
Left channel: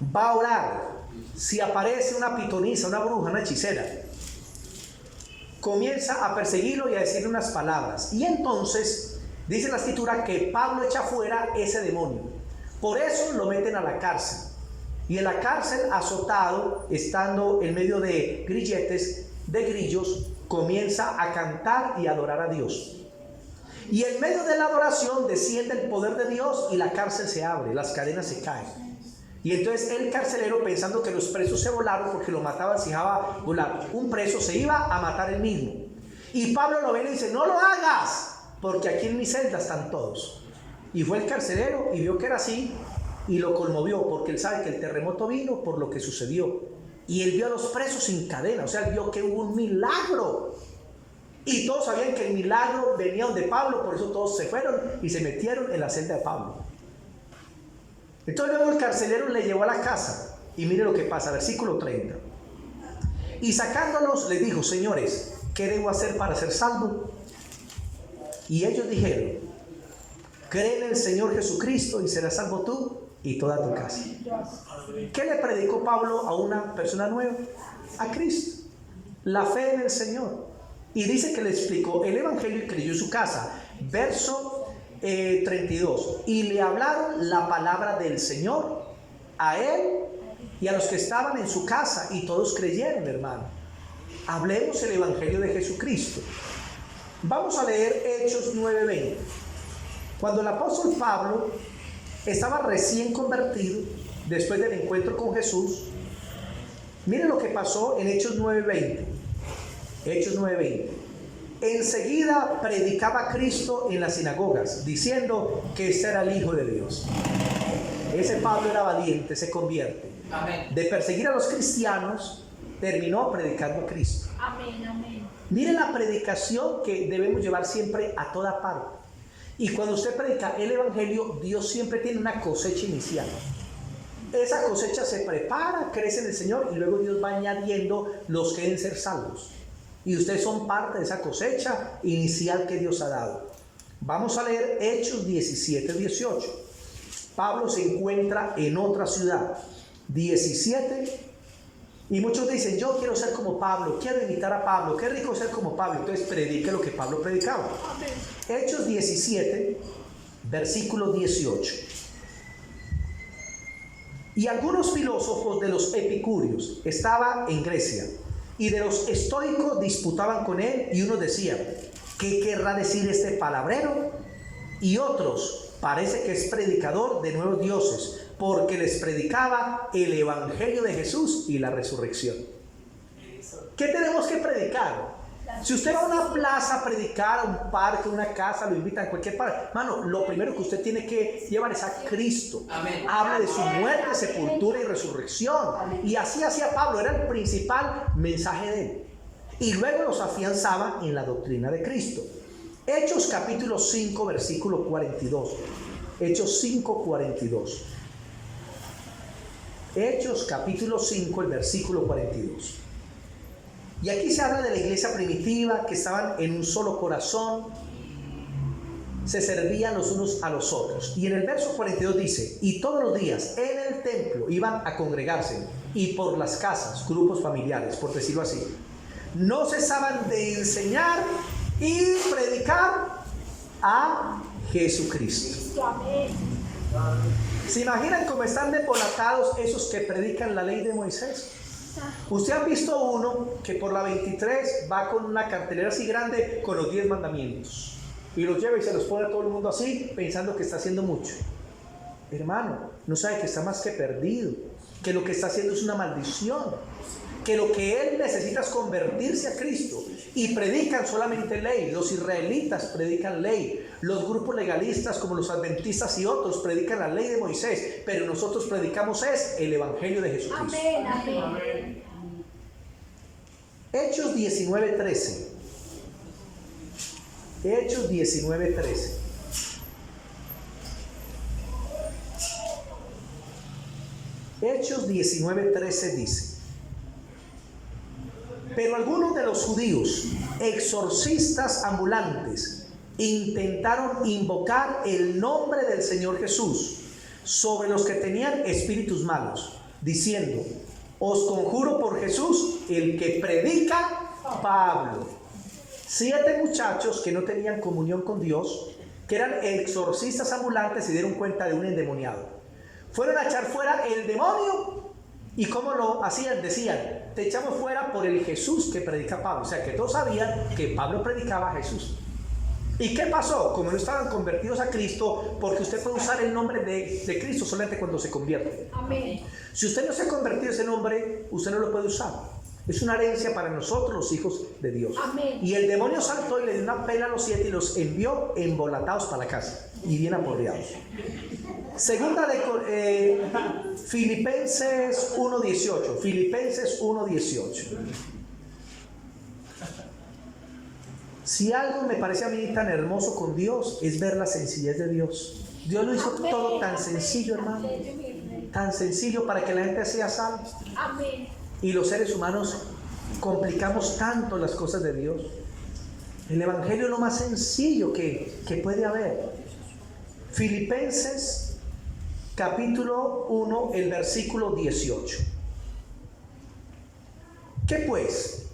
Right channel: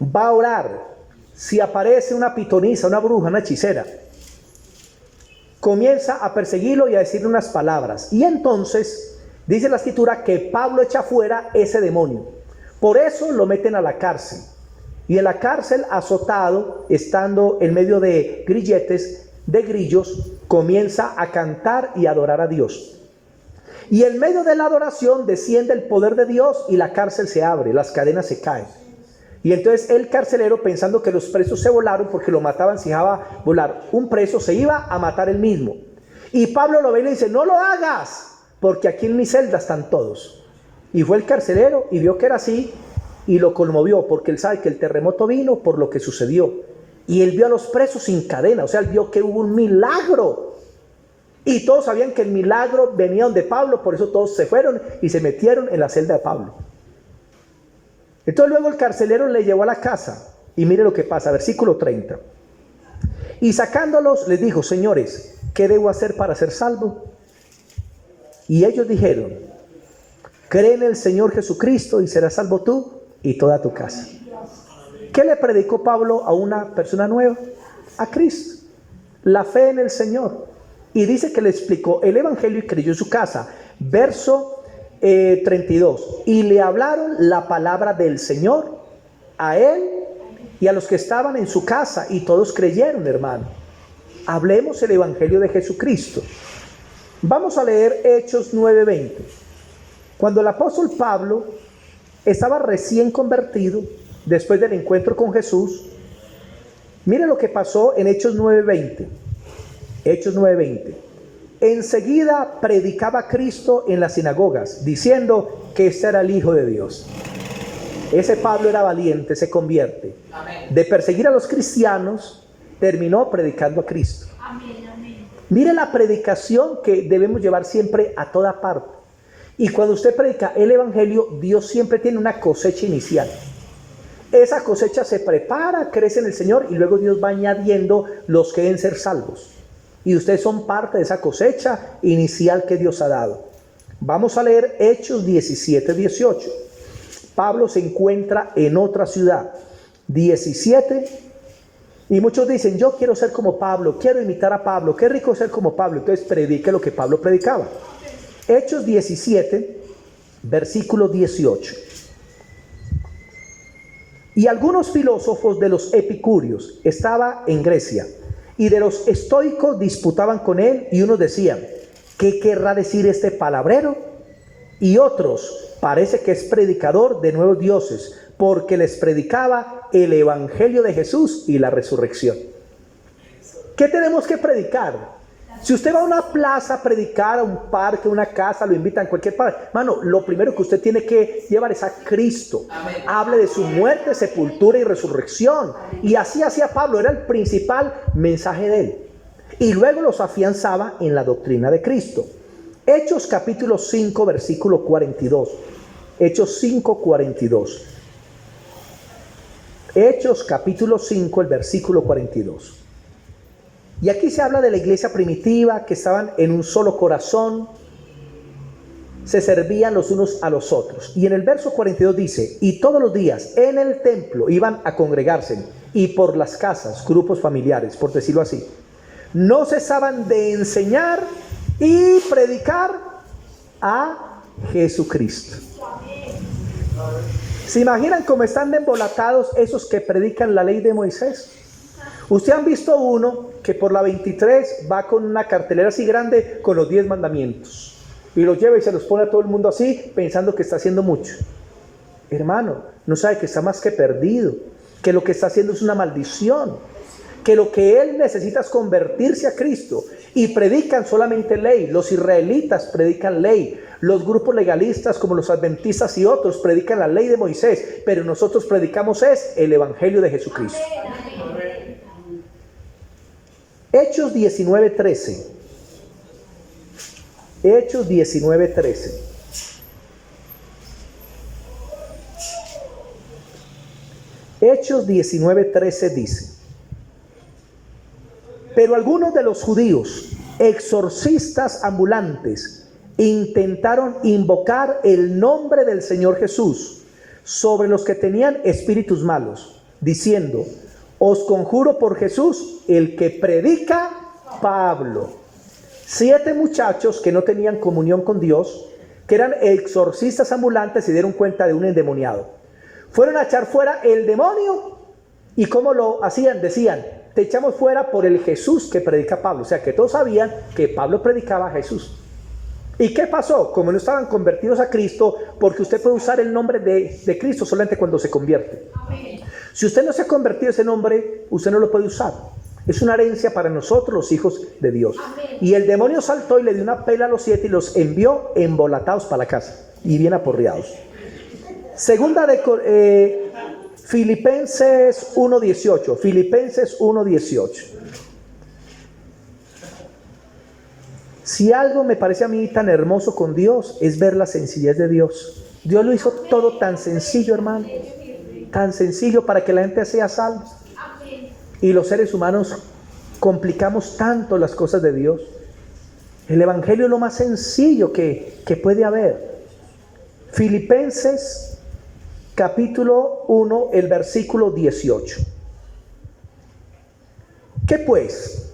va a orar. Si aparece una pitonisa, una bruja, una hechicera, comienza a perseguirlo y a decirle unas palabras. Y entonces dice la escritura que Pablo echa fuera ese demonio. Por eso lo meten a la cárcel. Y en la cárcel, azotado, estando en medio de grilletes, de grillos, comienza a cantar y a adorar a Dios. Y en medio de la adoración desciende el poder de Dios y la cárcel se abre, las cadenas se caen. Y entonces el carcelero, pensando que los presos se volaron porque lo mataban si dejaba volar un preso, se iba a matar él mismo. Y Pablo lo ve y le dice: no lo hagas, porque aquí en mi celda están todos. Y fue el carcelero y vio que era así y lo conmovió, porque él sabe que el terremoto vino por lo que sucedió. Y él vio a los presos sin cadena, o sea, él vio que hubo un milagro. Y todos sabían que el milagro venía de Pablo, por eso todos se fueron y se metieron en la celda de Pablo. Entonces luego el carcelero le llevó a la casa y mire lo que pasa, versículo 30. Y sacándolos les dijo: señores, ¿qué debo hacer para ser salvo? Y ellos dijeron: cree en el Señor Jesucristo y serás salvo tú y toda tu casa. ¿Qué le predicó Pablo a una persona nueva? A Cristo, la fe en el Señor. Y dice que le explicó el evangelio y creyó en su casa. Verso 32. Y le hablaron la palabra del Señor a él y a los que estaban en su casa, y todos creyeron, hermano. Hablemos el evangelio de Jesucristo. Vamos a leer Hechos 9:20. Cuando el apóstol Pablo estaba recién convertido, después del encuentro con Jesús, mire lo que pasó en Hechos 9:20. Hechos 9:20. Enseguida predicaba Cristo en las sinagogas, diciendo que este era el Hijo de Dios. Ese Pablo era valiente, se convierte. Amén. De perseguir a los cristianos, terminó predicando a Cristo. Amén, amén. Mire la predicación que debemos llevar siempre a toda parte. Y cuando usted predica el evangelio, Dios siempre tiene una cosecha inicial. Esa cosecha se prepara, crece en el Señor y luego Dios va añadiendo los que deben ser salvos. Y ustedes son parte de esa cosecha inicial que Dios ha dado. Vamos a leer Hechos 17:18. Pablo se encuentra en otra ciudad. 17. Y muchos dicen: yo quiero ser como Pablo, quiero imitar a Pablo, qué rico ser como Pablo. Entonces predique lo que Pablo predicaba. Hechos 17, versículo 18. Y algunos filósofos de los epicúreos, estaba en Grecia, y de los estoicos disputaban con él, y unos decían: ¿qué querrá decir este palabrero? Y otros: parece que es predicador de nuevos dioses, porque les predicaba el evangelio de Jesús y la resurrección. ¿Qué tenemos que predicar? Si usted va a una plaza a predicar, a un parque, a una casa, lo invitan a cualquier parte, hermano, lo primero que usted tiene que llevar es a Cristo. Amén. Hable de su muerte, sepultura y resurrección. Amén. Y así hacía Pablo, era el principal mensaje de él. Y luego los afianzaba en la doctrina de Cristo. Hechos capítulo 5, versículo 42. Hechos 5, 42. Hechos capítulo 5, el versículo 42. Y aquí se habla de la iglesia primitiva, que estaban en un solo corazón, se servían los unos a los otros. Y en el verso 42 dice: y todos los días en el templo iban a congregarse, y por las casas, grupos familiares, por decirlo así, no cesaban de enseñar y predicar a Jesucristo. ¿Se imaginan cómo están embolatados esos que predican la ley de Moisés? Usted han visto uno que por la 23 va con una cartelera así grande con los 10 mandamientos y los lleva y se los pone a todo el mundo así, pensando que está haciendo mucho. Hermano, no sabe que está más que perdido, que lo que está haciendo es una maldición, que lo que él necesita es convertirse a Cristo. Y predican solamente ley. Los israelitas predican ley, los grupos legalistas como los adventistas y otros predican la ley de Moisés, pero nosotros predicamos es el evangelio de Jesucristo. Amén. Hechos 19:13. Hechos 19:13. Hechos 19:13 dice: pero algunos de los judíos, exorcistas ambulantes, intentaron invocar el nombre del Señor Jesús sobre los que tenían espíritus malos, diciendo: os conjuro por Jesús, el que predica Pablo. 7 muchachos que no tenían comunión con Dios, que eran exorcistas ambulantes, se dieron cuenta de un endemoniado. Fueron a echar fuera el demonio. ¿Y cómo lo hacían? Decían: te echamos fuera por el Jesús que predica Pablo. O sea que todos sabían que Pablo predicaba a Jesús. ¿Y qué pasó? Como no estaban convertidos a Cristo, porque usted puede usar el nombre de Cristo solamente cuando se convierte. Amén. Si usted no se ha convertido ese nombre, usted no lo puede usar. Es una herencia para nosotros, los hijos de Dios. Amén. Y el demonio saltó y le dio una pela a los 7 y los envió embolatados para la casa y bien aporreados. Segunda de Filipenses 1:18. Filipenses 1:18. Si algo me parece a mí tan hermoso con Dios, es ver la sencillez de Dios. Dios lo hizo todo tan sencillo, hermano. Tan sencillo para que la gente sea salva. Amén. Y los seres humanos complicamos tanto las cosas de Dios. El evangelio es lo más sencillo que puede haber. Filipenses capítulo 1, el versículo 18. ¿Qué pues?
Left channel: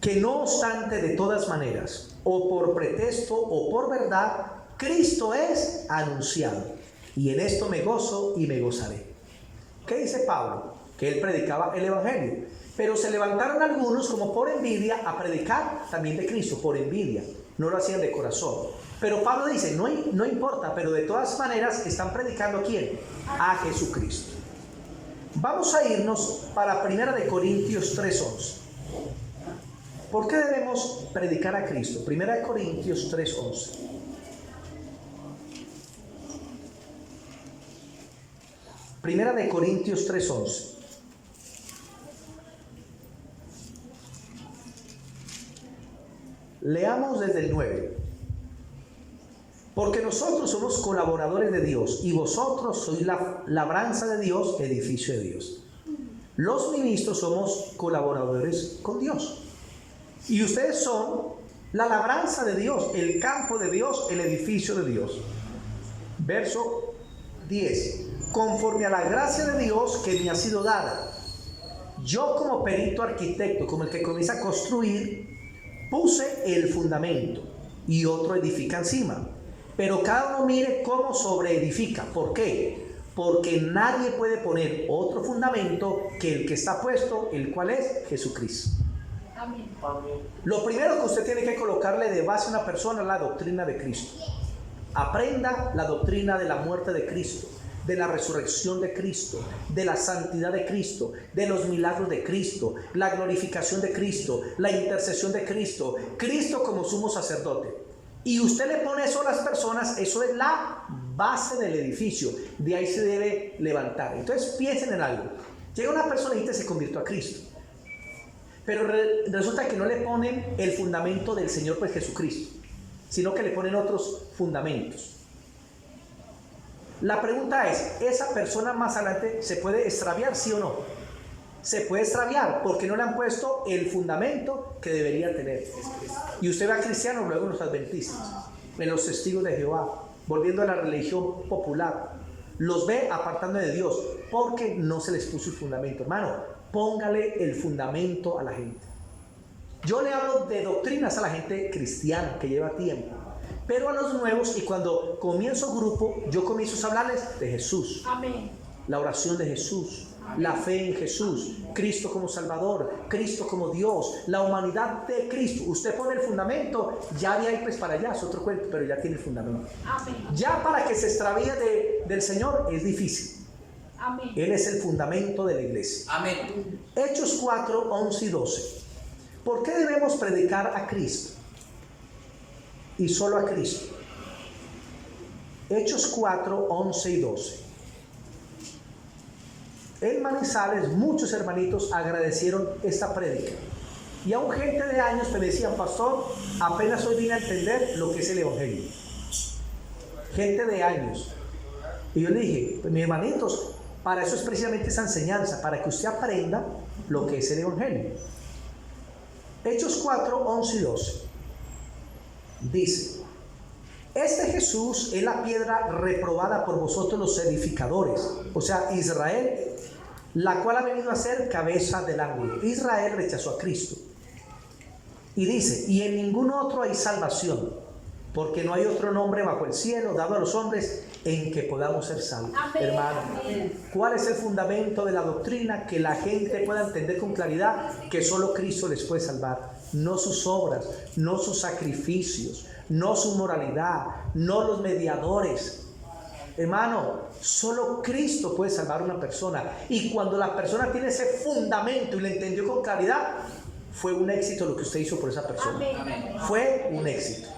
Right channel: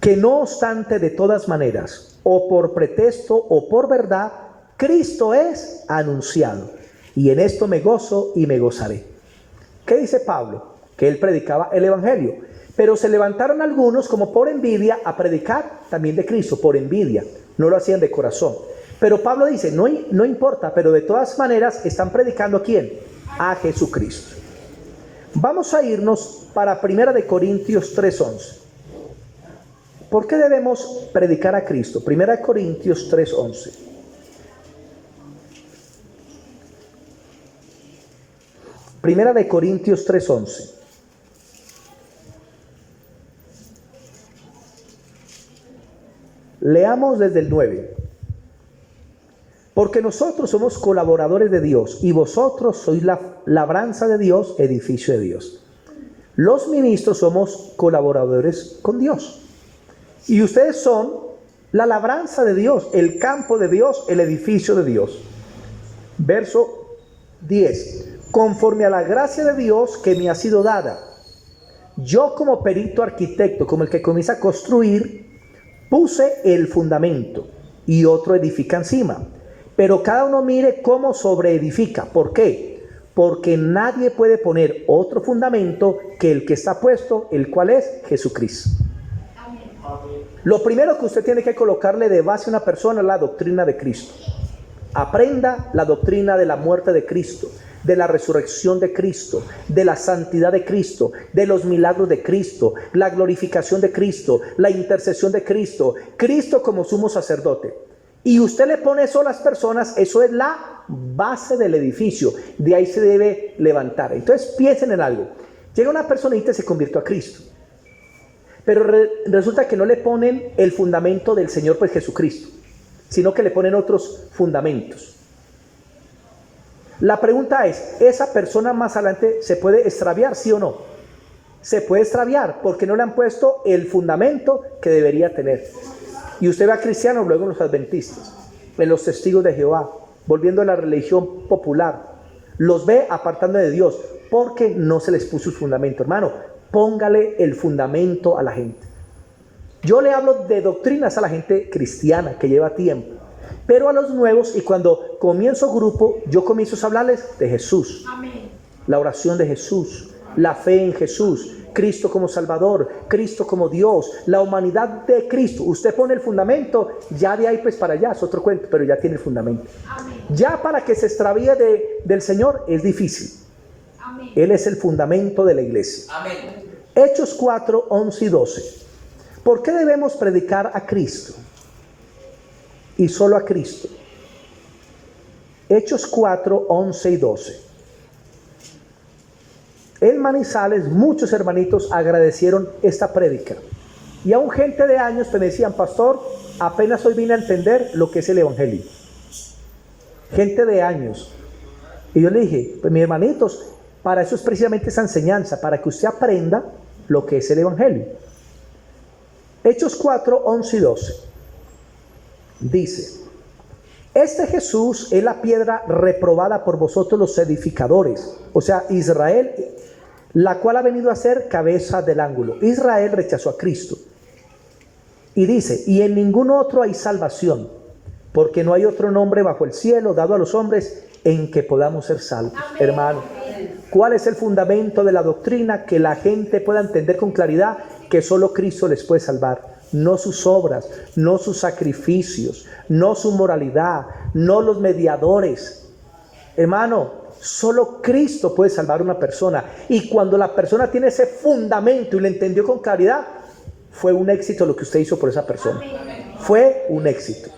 Que no obstante, de todas maneras, o por pretexto o por verdad, Cristo es anunciado, y en esto me gozo y me gozaré. ¿Qué dice Pablo? Que él predicaba el evangelio, pero se levantaron algunos como por envidia a predicar también de Cristo, por envidia, no lo hacían de corazón. Pero Pablo dice: no importa, pero de todas maneras están predicando ¿a quién? A Jesucristo. Vamos a irnos para 1 de Corintios 3:11. ¿Por qué debemos predicar a Cristo? 1 de Corintios 3:11. Primera de Corintios 3:11. Leamos desde el 9. Porque nosotros somos colaboradores de Dios, y vosotros sois la labranza de Dios, edificio de Dios. Los ministros somos colaboradores con Dios, y ustedes son la labranza de Dios, el campo de Dios, el edificio de Dios. Verso 10. Conforme a la gracia de Dios que me ha sido dada, yo como perito arquitecto, como el que comienza a construir, puse el fundamento y otro edifica encima. Pero cada uno mire cómo sobreedifica. ¿Por qué? Porque nadie puede poner otro fundamento que el que está puesto, el cual es Jesucristo. Amén. Lo primero que usted tiene que colocarle de base a una persona es la doctrina de Cristo. Aprenda la doctrina de la muerte de Cristo, de la resurrección de Cristo, de la santidad de Cristo, de los milagros de Cristo, la glorificación de Cristo, la intercesión de Cristo, Cristo como sumo sacerdote. Y usted le pone eso a las personas, eso es la base del edificio, de ahí se debe levantar. Entonces piensen en algo: llega una personita y se convirtió a Cristo, pero resulta que no le ponen el fundamento del Señor, pues Jesucristo, sino que le ponen otros fundamentos. La pregunta es, ¿esa persona más adelante se puede extraviar, sí o no? Se puede extraviar porque no le han puesto el fundamento que debería tener. Y usted ve a cristianos luego en los adventistas, en los testigos de Jehová, volviendo a la religión popular. Los ve apartando de Dios porque no se les puso el fundamento. Hermano, póngale el fundamento a la gente. Yo le hablo de doctrinas a la gente cristiana que lleva tiempo, pero a los nuevos, y cuando comienzo grupo, yo comienzo a hablarles de Jesús. Amén. La oración de Jesús, la fe en Jesús, Cristo como Salvador, Cristo como Dios, la humanidad de Cristo. Usted pone el fundamento, ya de ahí pues para allá es otro cuento, pero ya tiene el fundamento. Amén. Ya para que se extravíe del Señor es difícil. Amén. Él es el fundamento de la iglesia. Amén. Hechos 4, 11 y 12. ¿Por qué debemos predicar a Cristo? Y solo a Cristo. Hechos 4, 11 y 12. En Manizales muchos hermanitos agradecieron esta prédica. Y aún gente de años me decían, pastor, apenas hoy vine a entender lo que es el evangelio. Gente de años. Y yo le dije, pues mis hermanitos, para eso es precisamente esa enseñanza, para que usted aprenda lo que es el evangelio. Hechos 4, 11 y 12. Dice, este Jesús es la piedra reprobada por vosotros los edificadores, o sea, Israel, la cual ha venido a ser cabeza del ángulo. Israel rechazó a Cristo. Y dice, y en ningún otro hay salvación, porque no hay otro nombre bajo el cielo dado a los hombres en que podamos ser salvos. Amén. Hermano, ¿cuál es el fundamento de la doctrina? Que la gente pueda entender con claridad que solo Cristo les puede salvar. No sus obras, no sus sacrificios, no su moralidad, no los mediadores. Hermano, solo Cristo puede salvar a una persona. Y cuando la persona tiene ese fundamento y lo entendió con claridad, fue un éxito lo que usted hizo por esa persona. Amén. Fue un éxito.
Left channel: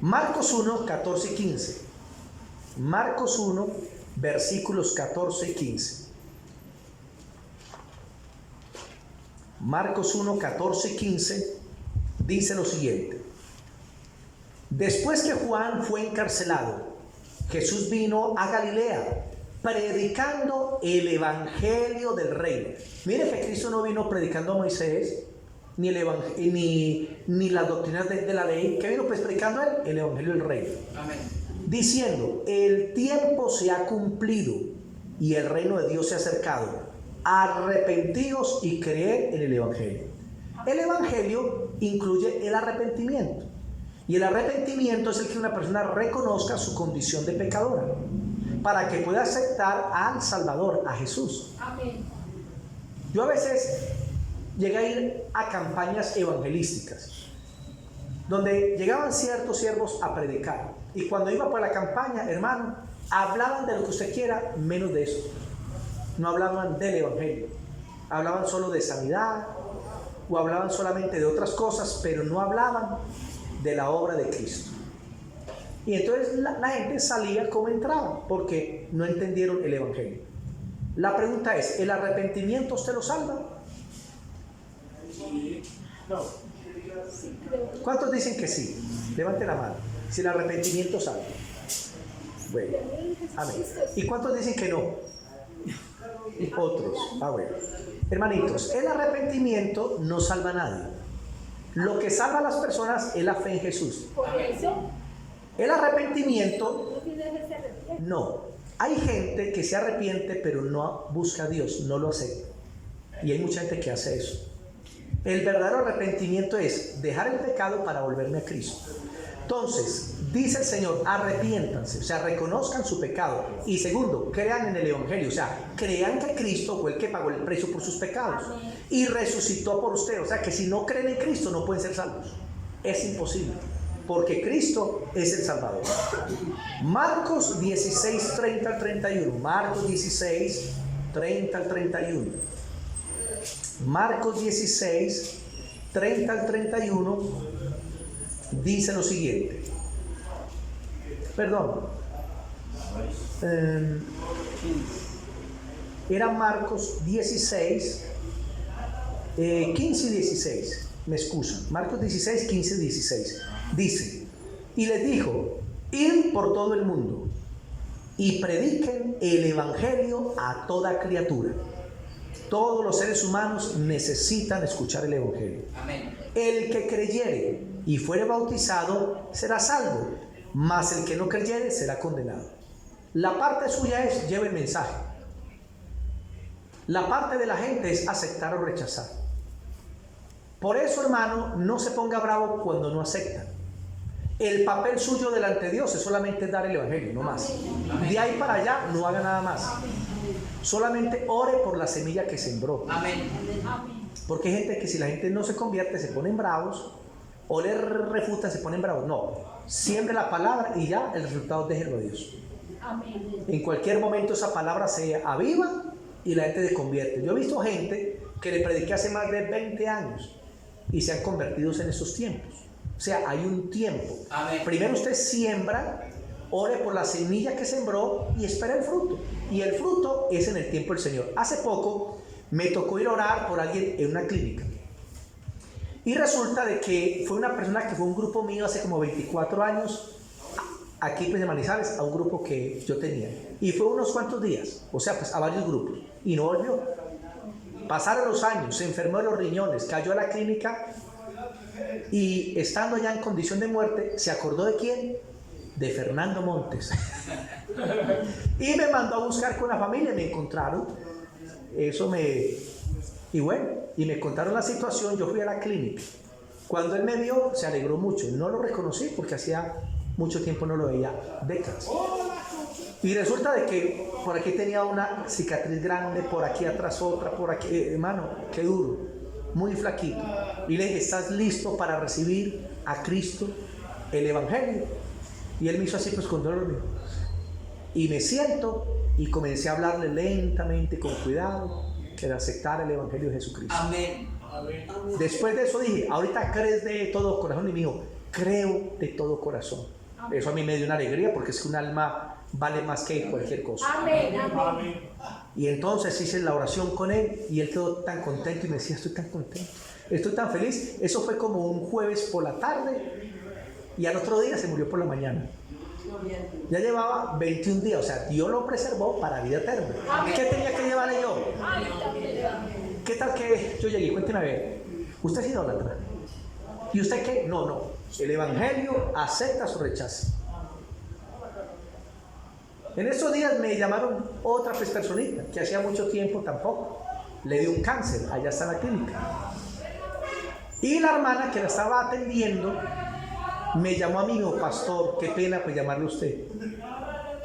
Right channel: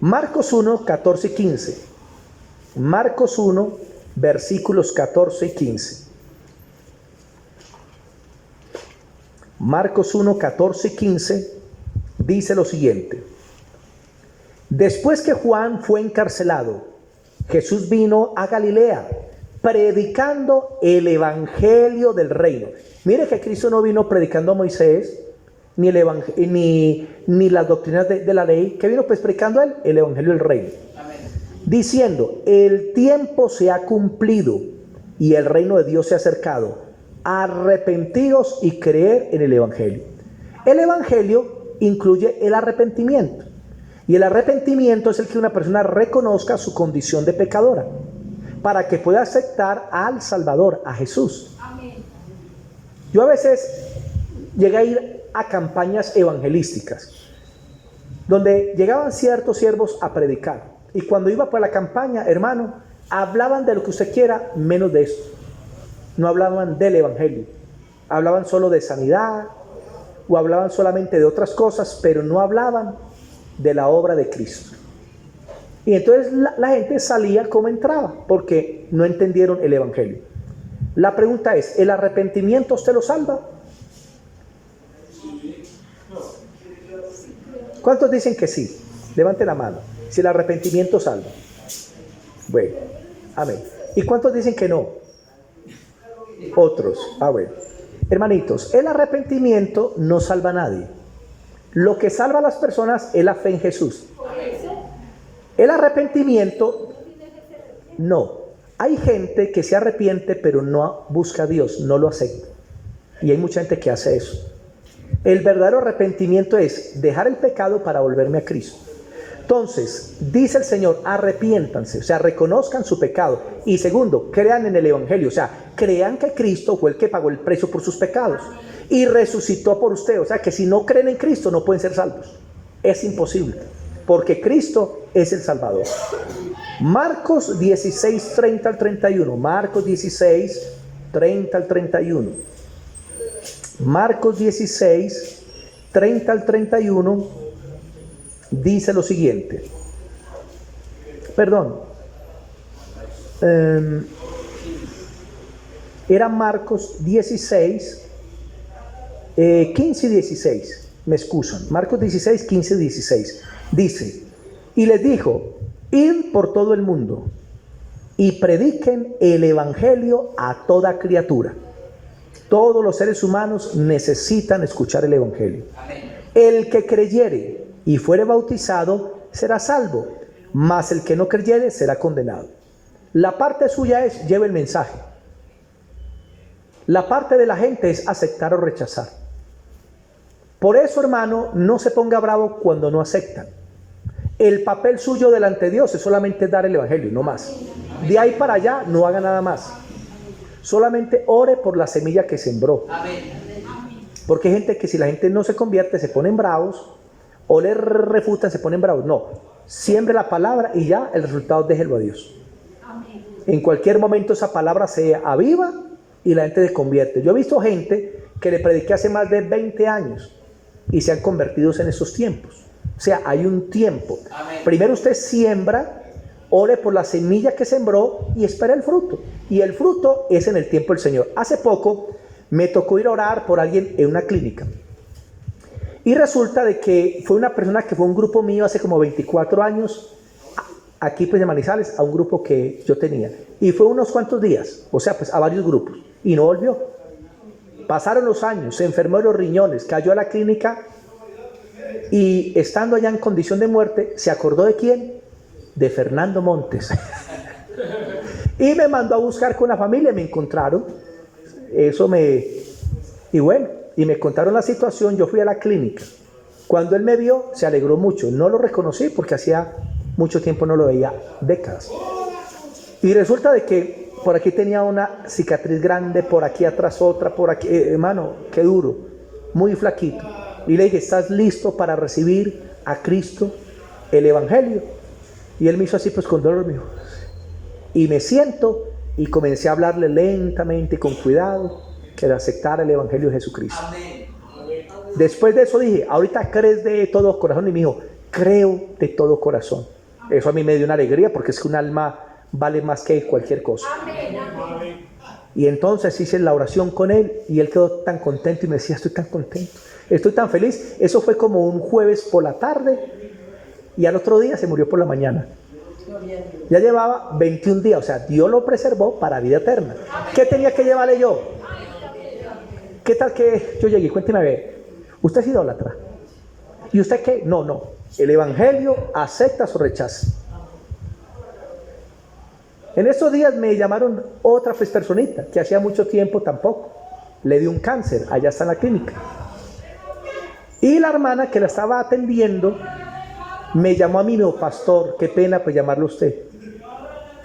Marcos 1, 14 y 15. Marcos 1, versículos 14 y 15. Marcos 1, 14 y 15 dice lo siguiente. Después que Juan fue encarcelado, Jesús vino a Galilea predicando el evangelio del reino. Mire que Cristo no vino predicando a Moisés ni las doctrinas de la ley. ¿Qué vino pues predicando él? El evangelio del reino. Amén. Diciendo, el tiempo se ha cumplido y el reino de Dios se ha acercado. Arrepentidos y creer en el evangelio. El evangelio incluye el arrepentimiento. Y el arrepentimiento es el que una persona reconozca su condición de pecadora para que pueda aceptar al Salvador, a Jesús. Amén. Yo a veces llegué a ir a campañas evangelísticas donde llegaban ciertos siervos a predicar, y cuando iba por la campaña, hermano, hablaban de lo que usted quiera menos de esto. No hablaban del evangelio, hablaban solo de sanidad o hablaban solamente de otras cosas, pero no hablaban de la obra de Cristo. Y entonces la gente salía como entraba, porque no entendieron el evangelio. La pregunta es, ¿el arrepentimiento usted lo salva? ¿Cuántos dicen que sí? Levante la mano. Si el arrepentimiento salva. Bueno, amén. ¿Y cuántos dicen que no? Otros. Bueno. Hermanitos, el arrepentimiento no salva a nadie. Lo que salva a las personas es la fe en Jesús. El arrepentimiento, no. Hay gente que se arrepiente pero no busca a Dios, no lo acepta. Y hay mucha gente que hace eso. El verdadero arrepentimiento es dejar el pecado para volverme a Cristo. Entonces, dice el Señor, arrepiéntanse, o sea, reconozcan su pecado. Y segundo, crean en el evangelio, o sea, crean que Cristo fue el que pagó el precio por sus pecados y resucitó por usted. O sea, que si no creen en Cristo no pueden ser salvos. Es imposible, porque Cristo es el Salvador. Marcos 16, 30 al 31. Marcos 16, 30 al 31. Marcos 16, 30 al 31 dice lo siguiente. Perdón. Era Marcos 16, 15 y 16. me excusan. Marcos 16, 15, 16. Dice, y les dijo, id por todo el mundo y prediquen el evangelio a toda criatura. Todos los seres humanos necesitan escuchar el evangelio. Amén. El que creyere y fuere bautizado será salvo, mas el que no creyere será condenado. La parte suya es, lleve el mensaje. La parte de la gente es aceptar o rechazar. Por eso, hermano, no se ponga bravo cuando no aceptan. El papel suyo delante de Dios es solamente dar el evangelio, no más. De ahí para allá no haga nada más. Solamente ore por la semilla que sembró. Porque hay gente que si la gente no se convierte se ponen bravos, o le refutan, se ponen bravos. No, siembre la palabra y ya el resultado déjelo a Dios. En cualquier momento esa palabra se aviva y la gente se convierte. Yo he visto gente que le prediqué hace más de 20 años y se han convertido en esos tiempos. O sea, hay un tiempo. Amén. Primero usted siembra, ore por la semilla que sembró y espera el fruto. Y el fruto es en el tiempo del Señor. Hace poco me tocó ir a orar por alguien en una clínica. Y resulta de que fue una persona que fue un grupo mío hace como 24 años, aquí pues de Manizales, a un grupo que yo tenía. Y fue unos cuantos días, o sea, pues a varios grupos. Y no volvió. Pasaron los años, se enfermó de los riñones, cayó a la clínica y estando allá en condición de muerte, ¿se acordó de quién? De Fernando Montes. Y me mandó a buscar con la familia, me encontraron. Y bueno, y me contaron la situación. Yo fui a la clínica. Cuando él me vio, se alegró mucho. No lo reconocí porque hacía mucho tiempo no lo veía, décadas. Y resulta de que por aquí tenía una cicatriz grande, por aquí atrás otra, por aquí, hermano, qué duro, muy flaquito. Y le dije, ¿estás listo para recibir a Cristo, el evangelio? Y él me hizo así, pues con dolor, me dijo. Y me siento y comencé a hablarle lentamente y con cuidado que de aceptar el evangelio de Jesucristo. Amén. Después de eso dije, ahorita crees de todo corazón. Y me dijo, creo de todo corazón. Eso a mí me dio una alegría porque es que un alma vale más que cualquier cosa. Amén. Y entonces hice la oración con él y él quedó tan contento y me decía, estoy tan contento, estoy tan feliz. Eso fue como un jueves por la tarde y al otro día se murió por la mañana. Ya llevaba 21 días, o sea, Dios lo preservó para vida eterna. ¿Qué tenía que llevarle yo? ¿Qué tal que yo llegué? Cuénteme a ver, ¿usted es idólatra? ¿Y usted qué? No, el evangelio acepta o rechaza. En esos días me llamaron otra personita que hacía mucho tiempo tampoco le dio un cáncer, allá está en la clínica. Y la hermana que la estaba atendiendo me llamó a mí, me dijo, pastor, qué pena pues llamarlo a usted.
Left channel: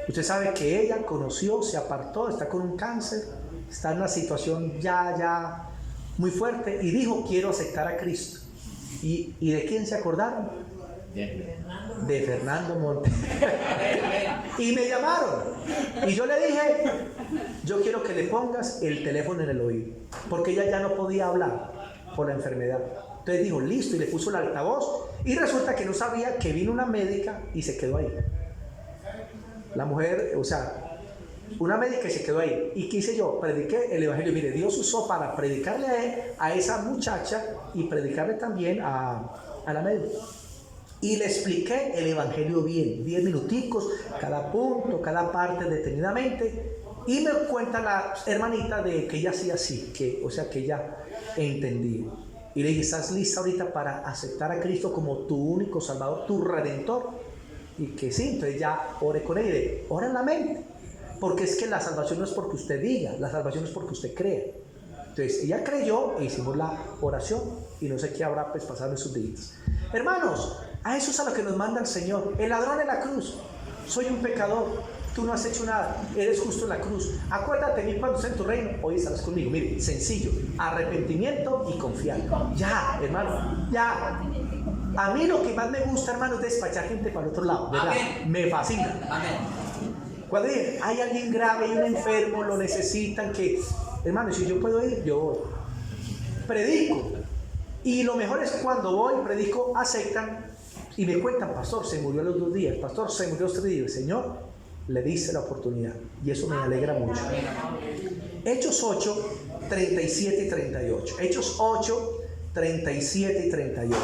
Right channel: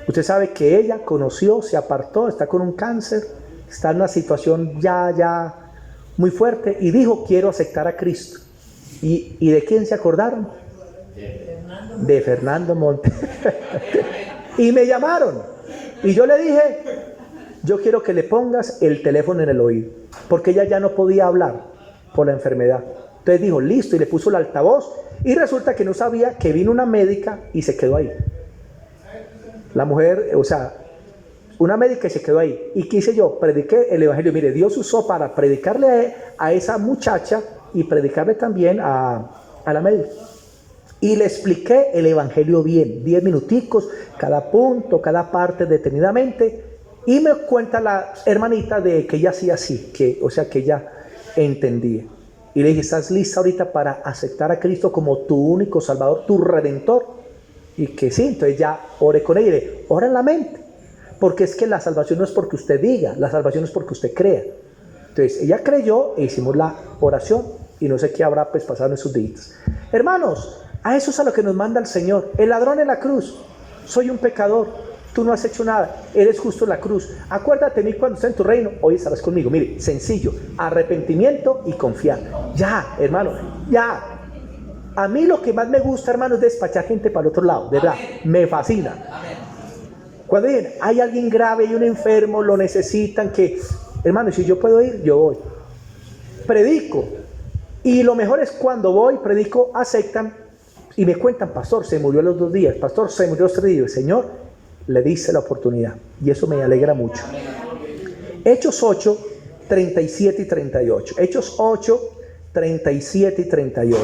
Usted sabe que ella conoció, se apartó, está con un cáncer, está en una situación ya muy fuerte y dijo, quiero aceptar a Cristo. ¿Y de quién se acordaron? De Fernando Montes. Y me llamaron y yo le dije, yo quiero que le pongas el teléfono en el oído, porque ella ya no podía hablar por la enfermedad. Entonces dijo, listo, y le puso el altavoz y resulta que no sabía que vino una médica y se quedó ahí. La mujer, o sea, una médica y se quedó ahí. ¿Y qué hice yo? Prediqué el evangelio. Mire, Dios usó para predicarle a esa muchacha y predicarle también a la médica. Y le expliqué el evangelio bien, 10 minuticos, cada punto, cada parte detenidamente. Y me cuenta la hermanita de que ella hacía así, o sea que ella entendía. Y le dije, ¿estás lista ahorita para aceptar a Cristo como tu único Salvador, tu Redentor? Y que sí, entonces ya oré con ella y le ora en la mente. Porque es que la salvación no es porque usted diga, la salvación es porque usted crea. Entonces ella creyó e hicimos la oración y no sé qué habrá pues pasado en sus días. Hermanos, a eso es a lo que nos manda el Señor. El ladrón en la cruz, soy un pecador, tú no has hecho nada, eres justo en la cruz. Acuérdate de mí cuando esté en tu reino, hoy estarás conmigo. Mire, sencillo, arrepentimiento y confiar. Ya, hermano, ya. A mí lo que más me gusta, hermano, es despachar gente para el otro lado, ¿verdad? Me fascina. Cuando dicen, hay alguien grave, hay un enfermo, lo necesitan, que, hermano, si yo puedo ir, yo voy. Predico. Y lo mejor es cuando voy, predico, aceptan y me cuentan, pastor, se murió a los 2 días, pastor, se murió a los 3 días. Señor, le dice la oportunidad y eso me alegra mucho. Hechos 8, 37 y 38. Hechos 8, 37 y 38.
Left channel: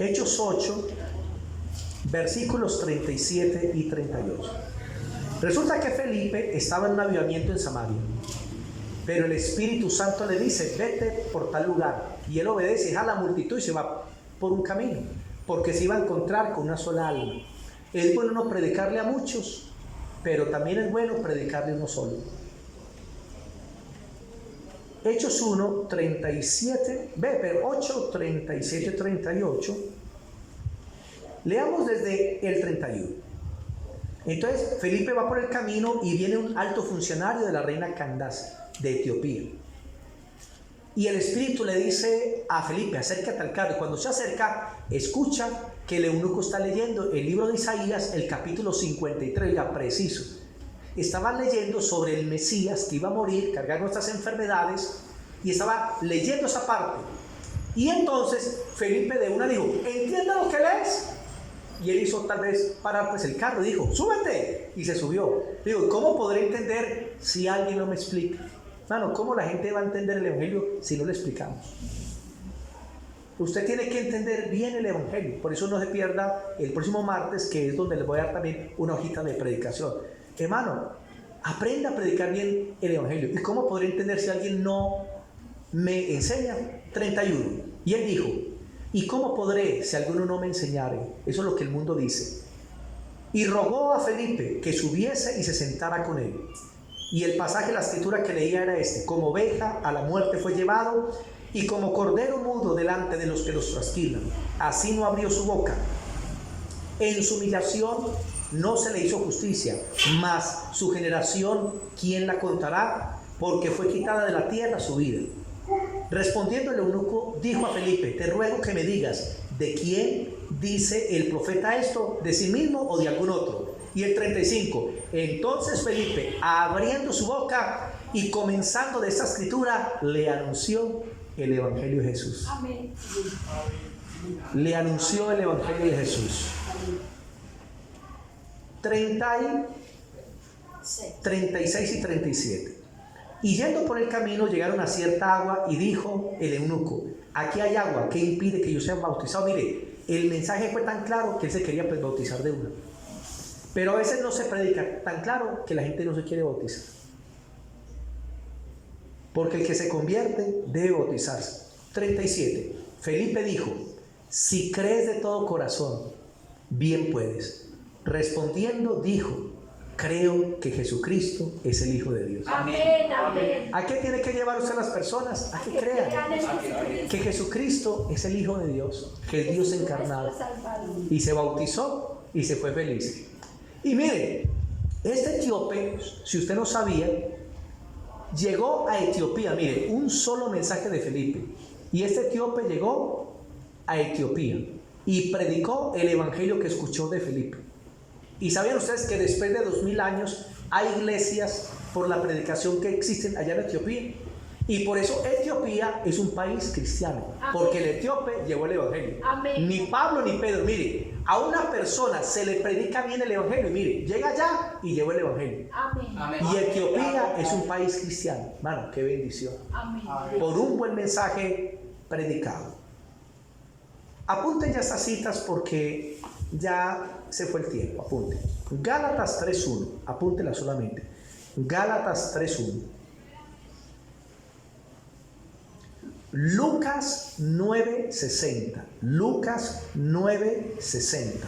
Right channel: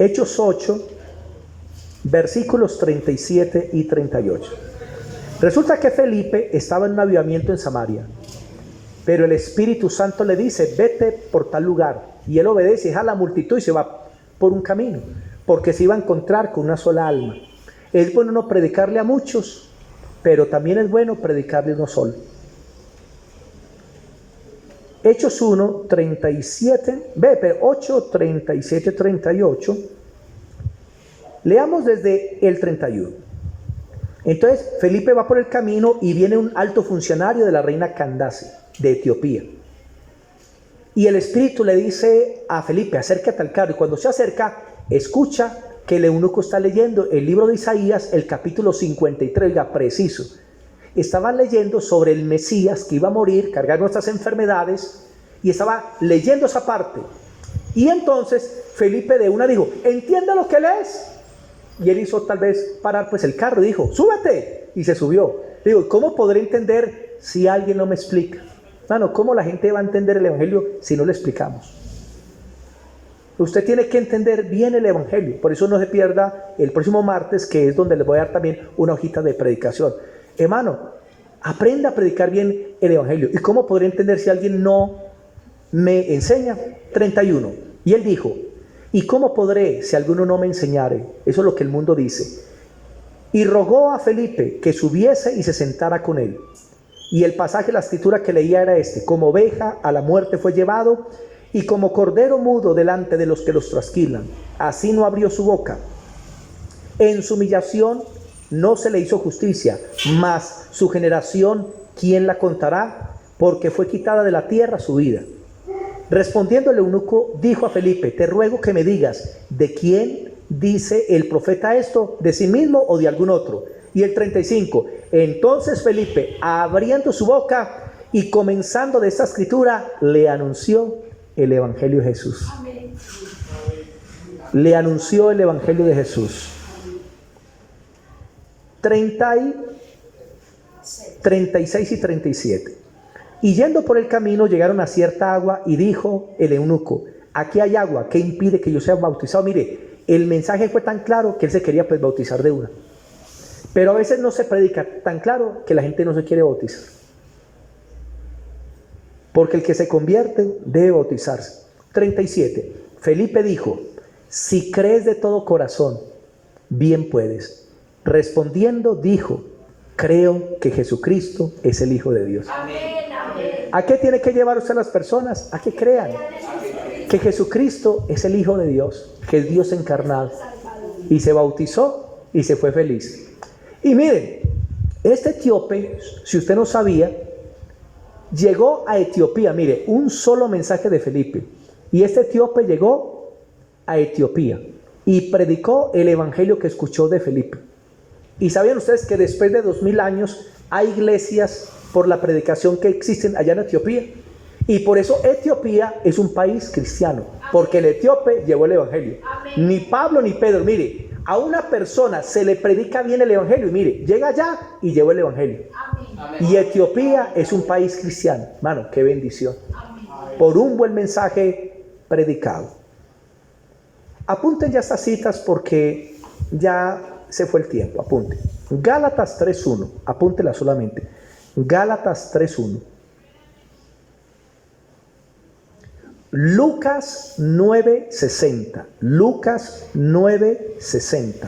Hechos 8, versículos 37 y 38. Resulta que Felipe estaba en un avivamiento en Samaria, pero el Espíritu Santo le dice: vete por tal lugar. Y él obedece, deja la multitud y se va por un camino, porque se iba a encontrar con una sola alma. Es bueno no predicarle a muchos, pero también es bueno predicarle a uno solo. Hechos 1, 37, 8, 37, 38. Leamos desde el 31. Entonces Felipe va por el camino y viene un alto funcionario de la reina Candace de Etiopía. Y el Espíritu le dice a Felipe: acércate al carro. Y cuando se acerca, escucha que el eunuco está leyendo el libro de Isaías, el capítulo 53, ya preciso. Estaba leyendo sobre el Mesías que iba a morir, cargar nuestras enfermedades, y estaba leyendo esa parte. Y entonces Felipe de una dijo: ¿entiende lo que lees? Y él hizo tal vez parar pues el carro y dijo: súbete. Y se subió. Digo, ¿cómo podré entender si alguien no me explica? Hermano, ¿cómo la gente va a entender el Evangelio si no le explicamos? Usted tiene que entender bien el Evangelio. Por eso no se pierda el próximo martes, que es donde les voy a dar también una hojita de predicación. Hermano, aprenda a predicar bien el Evangelio. ¿Y cómo podré entender si alguien no me enseña? 31. Y él dijo: ¿y cómo podré si alguno no me enseñare? Eso es lo que el mundo dice. Y rogó a Felipe que subiese y se sentara con él. Y el pasaje de la escritura que leía era este: como oveja a la muerte fue llevado, y como cordero mudo delante de los que los trasquilan, así no abrió su boca. En su humillación no se le hizo justicia, mas su generación, ¿quién la contará? Porque fue quitada de la tierra su vida. Respondiendo el eunuco, dijo a Felipe: te ruego que me digas, ¿de quién dice el profeta esto? ¿De sí mismo o de algún otro? Y el 35, entonces Felipe, abriendo su boca y comenzando de esta escritura, le anunció el Evangelio de Jesús. Amén. Le anunció el Evangelio de Jesús. 36 y 37. Y yendo por el camino llegaron a cierta agua, y dijo el eunuco: aquí hay agua, ¿qué impide que yo sea bautizado? Mire, el mensaje fue tan claro que él se quería pues bautizar de una. Pero a veces no se predica tan claro que la gente no se quiere bautizar. Porque el que se convierte debe bautizarse. 37. Felipe dijo: si crees de todo corazón, bien puedes. Respondiendo dijo: creo que Jesucristo es el Hijo de Dios. Amén. Amén. ¿A qué tiene que llevar usted a las personas? A que crean que Jesucristo es el Hijo de Dios, que es Dios encarnado. Y se bautizó y se fue feliz. Y miren, este etíope, si usted no sabía, llegó a Etiopía. Mire, un solo mensaje de Felipe. Y este etíope llegó a Etiopía y predicó el evangelio que escuchó de Felipe. Y sabían ustedes que después de 2000 años hay iglesias por la predicación que existen allá en Etiopía. Y por eso Etiopía es un país cristiano, porque el etíope llevó el evangelio. Amén. Ni Pablo ni Pedro, mire, a una persona se le predica bien el evangelio, y mire, llega allá y llevó el evangelio. Amén. Y Etiopía es un país cristiano. Hermano, qué bendición. Amén. Por un buen mensaje predicado. Apunten ya estas citas porque ya se fue el tiempo. Apunten. Gálatas 3:1. Apúntela solamente. Gálatas 3:1. Lucas 9:60. Lucas 9:60.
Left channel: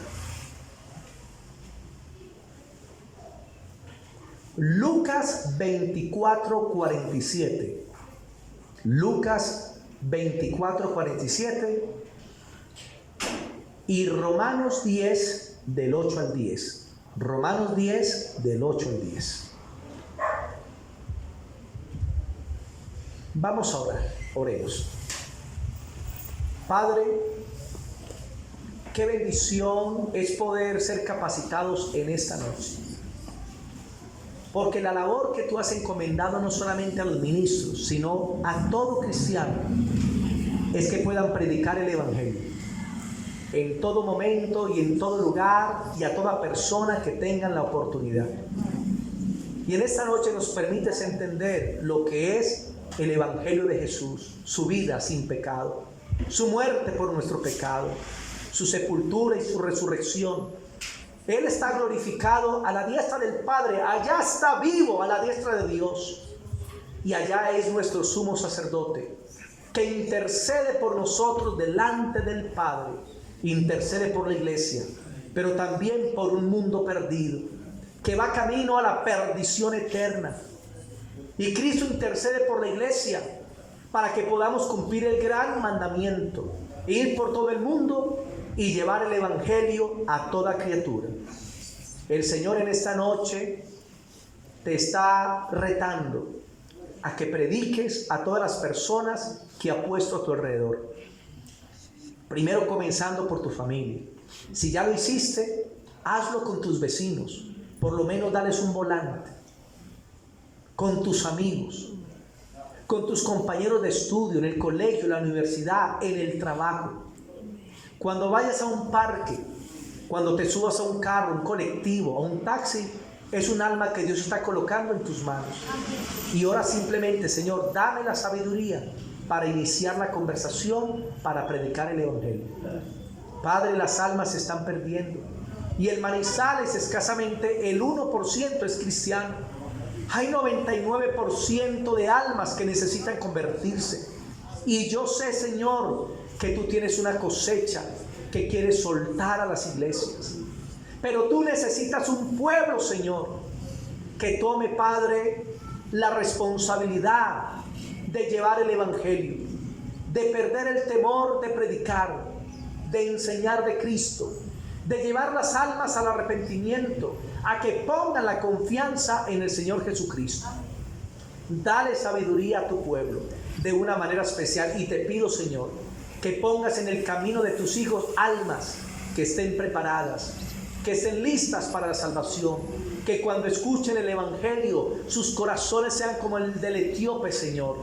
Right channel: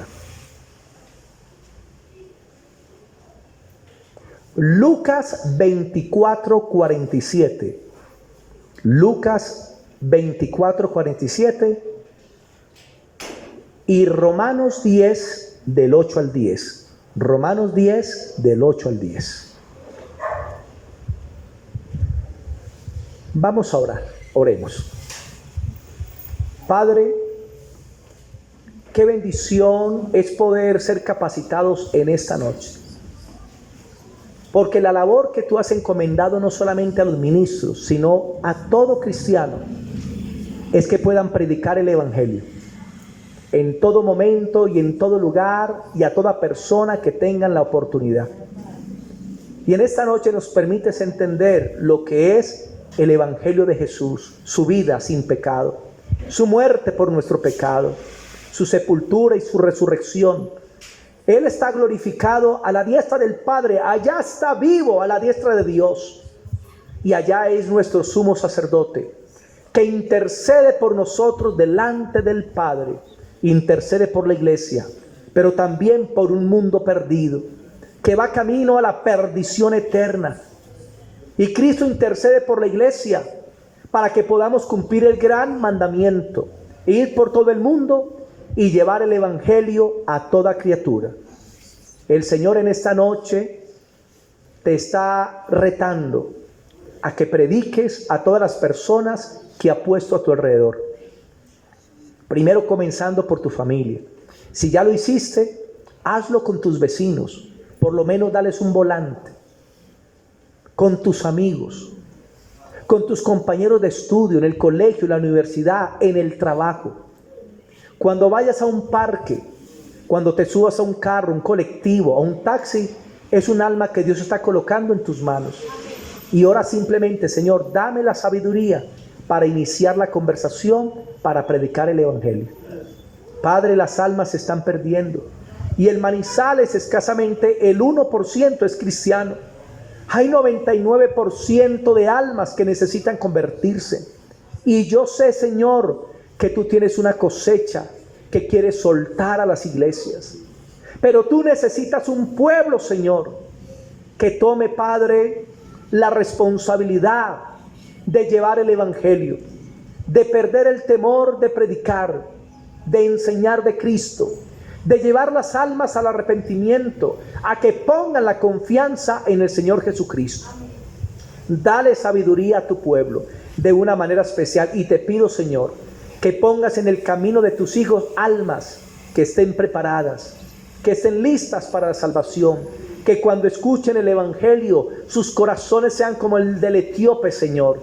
Lucas 24:47. Lucas 24:47. Y Romanos 10 del 8 al 10. Romanos 10 del 8 al 10. Vamos a orar. Oremos. Padre, qué bendición es poder ser capacitados en esta noche. Porque la labor que tú has encomendado no solamente a los ministros, sino a todo cristiano, es que puedan predicar el evangelio en todo momento y en todo lugar, y a toda persona que tengan la oportunidad. Y en esta noche nos permites entender lo que es el Evangelio de Jesús, su vida sin pecado, su muerte por nuestro pecado, su sepultura y su resurrección. Él está glorificado a la diestra del Padre, allá está vivo a la diestra de Dios. Y allá es nuestro sumo sacerdote, que intercede por nosotros delante del Padre, intercede por la iglesia, pero también por un mundo perdido, que va camino a la perdición eterna. Y Cristo intercede por la iglesia para que podamos cumplir el gran mandamiento, ir por todo el mundo y llevar el Evangelio a toda criatura. El Señor en esta noche te está retando a que prediques a todas las personas que ha puesto a tu alrededor. Primero comenzando por tu familia. Si ya lo hiciste, hazlo con tus vecinos. Por lo menos dales un volante. Con tus amigos, con tus compañeros de estudio, en el colegio, en la universidad, en el trabajo. Cuando vayas a un parque, cuando te subas a un carro, un colectivo, a un taxi, es un alma que Dios está colocando en tus manos. Y ora simplemente: Señor, dame la sabiduría para iniciar la conversación, para predicar el Evangelio. Padre, las almas se están perdiendo. Y el Manizales escasamente el 1% es cristiano. Hay 99% de almas que necesitan convertirse. Y yo sé, Señor, que tú tienes una cosecha que quieres soltar a las iglesias. Pero tú necesitas un pueblo, Señor, que tome, Padre, la responsabilidad de llevar el Evangelio, de perder el temor de predicar, de enseñar de Cristo, de llevar las almas al arrepentimiento, a que pongan la confianza en el Señor Jesucristo. Dale sabiduría a tu pueblo de una manera especial, y te pido, Señor, que pongas en el camino de tus hijos almas que estén preparadas, que estén listas para la salvación, que cuando escuchen el Evangelio sus corazones sean como el del etíope, Señor,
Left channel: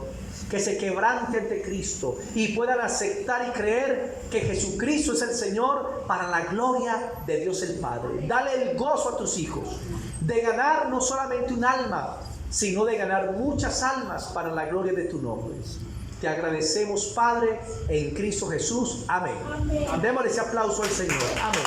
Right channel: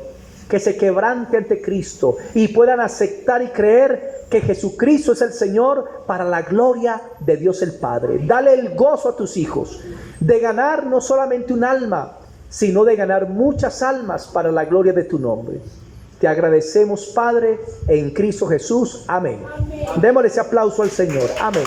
que se quebrante ante Cristo y puedan aceptar y creer que Jesucristo es el Señor para la gloria de Dios el Padre. Dale el gozo a tus hijos de ganar no solamente un alma, sino de ganar muchas almas para la gloria de tu nombre. Te agradecemos, Padre, en Cristo Jesús. Amén. Démosle ese aplauso al Señor. Amén.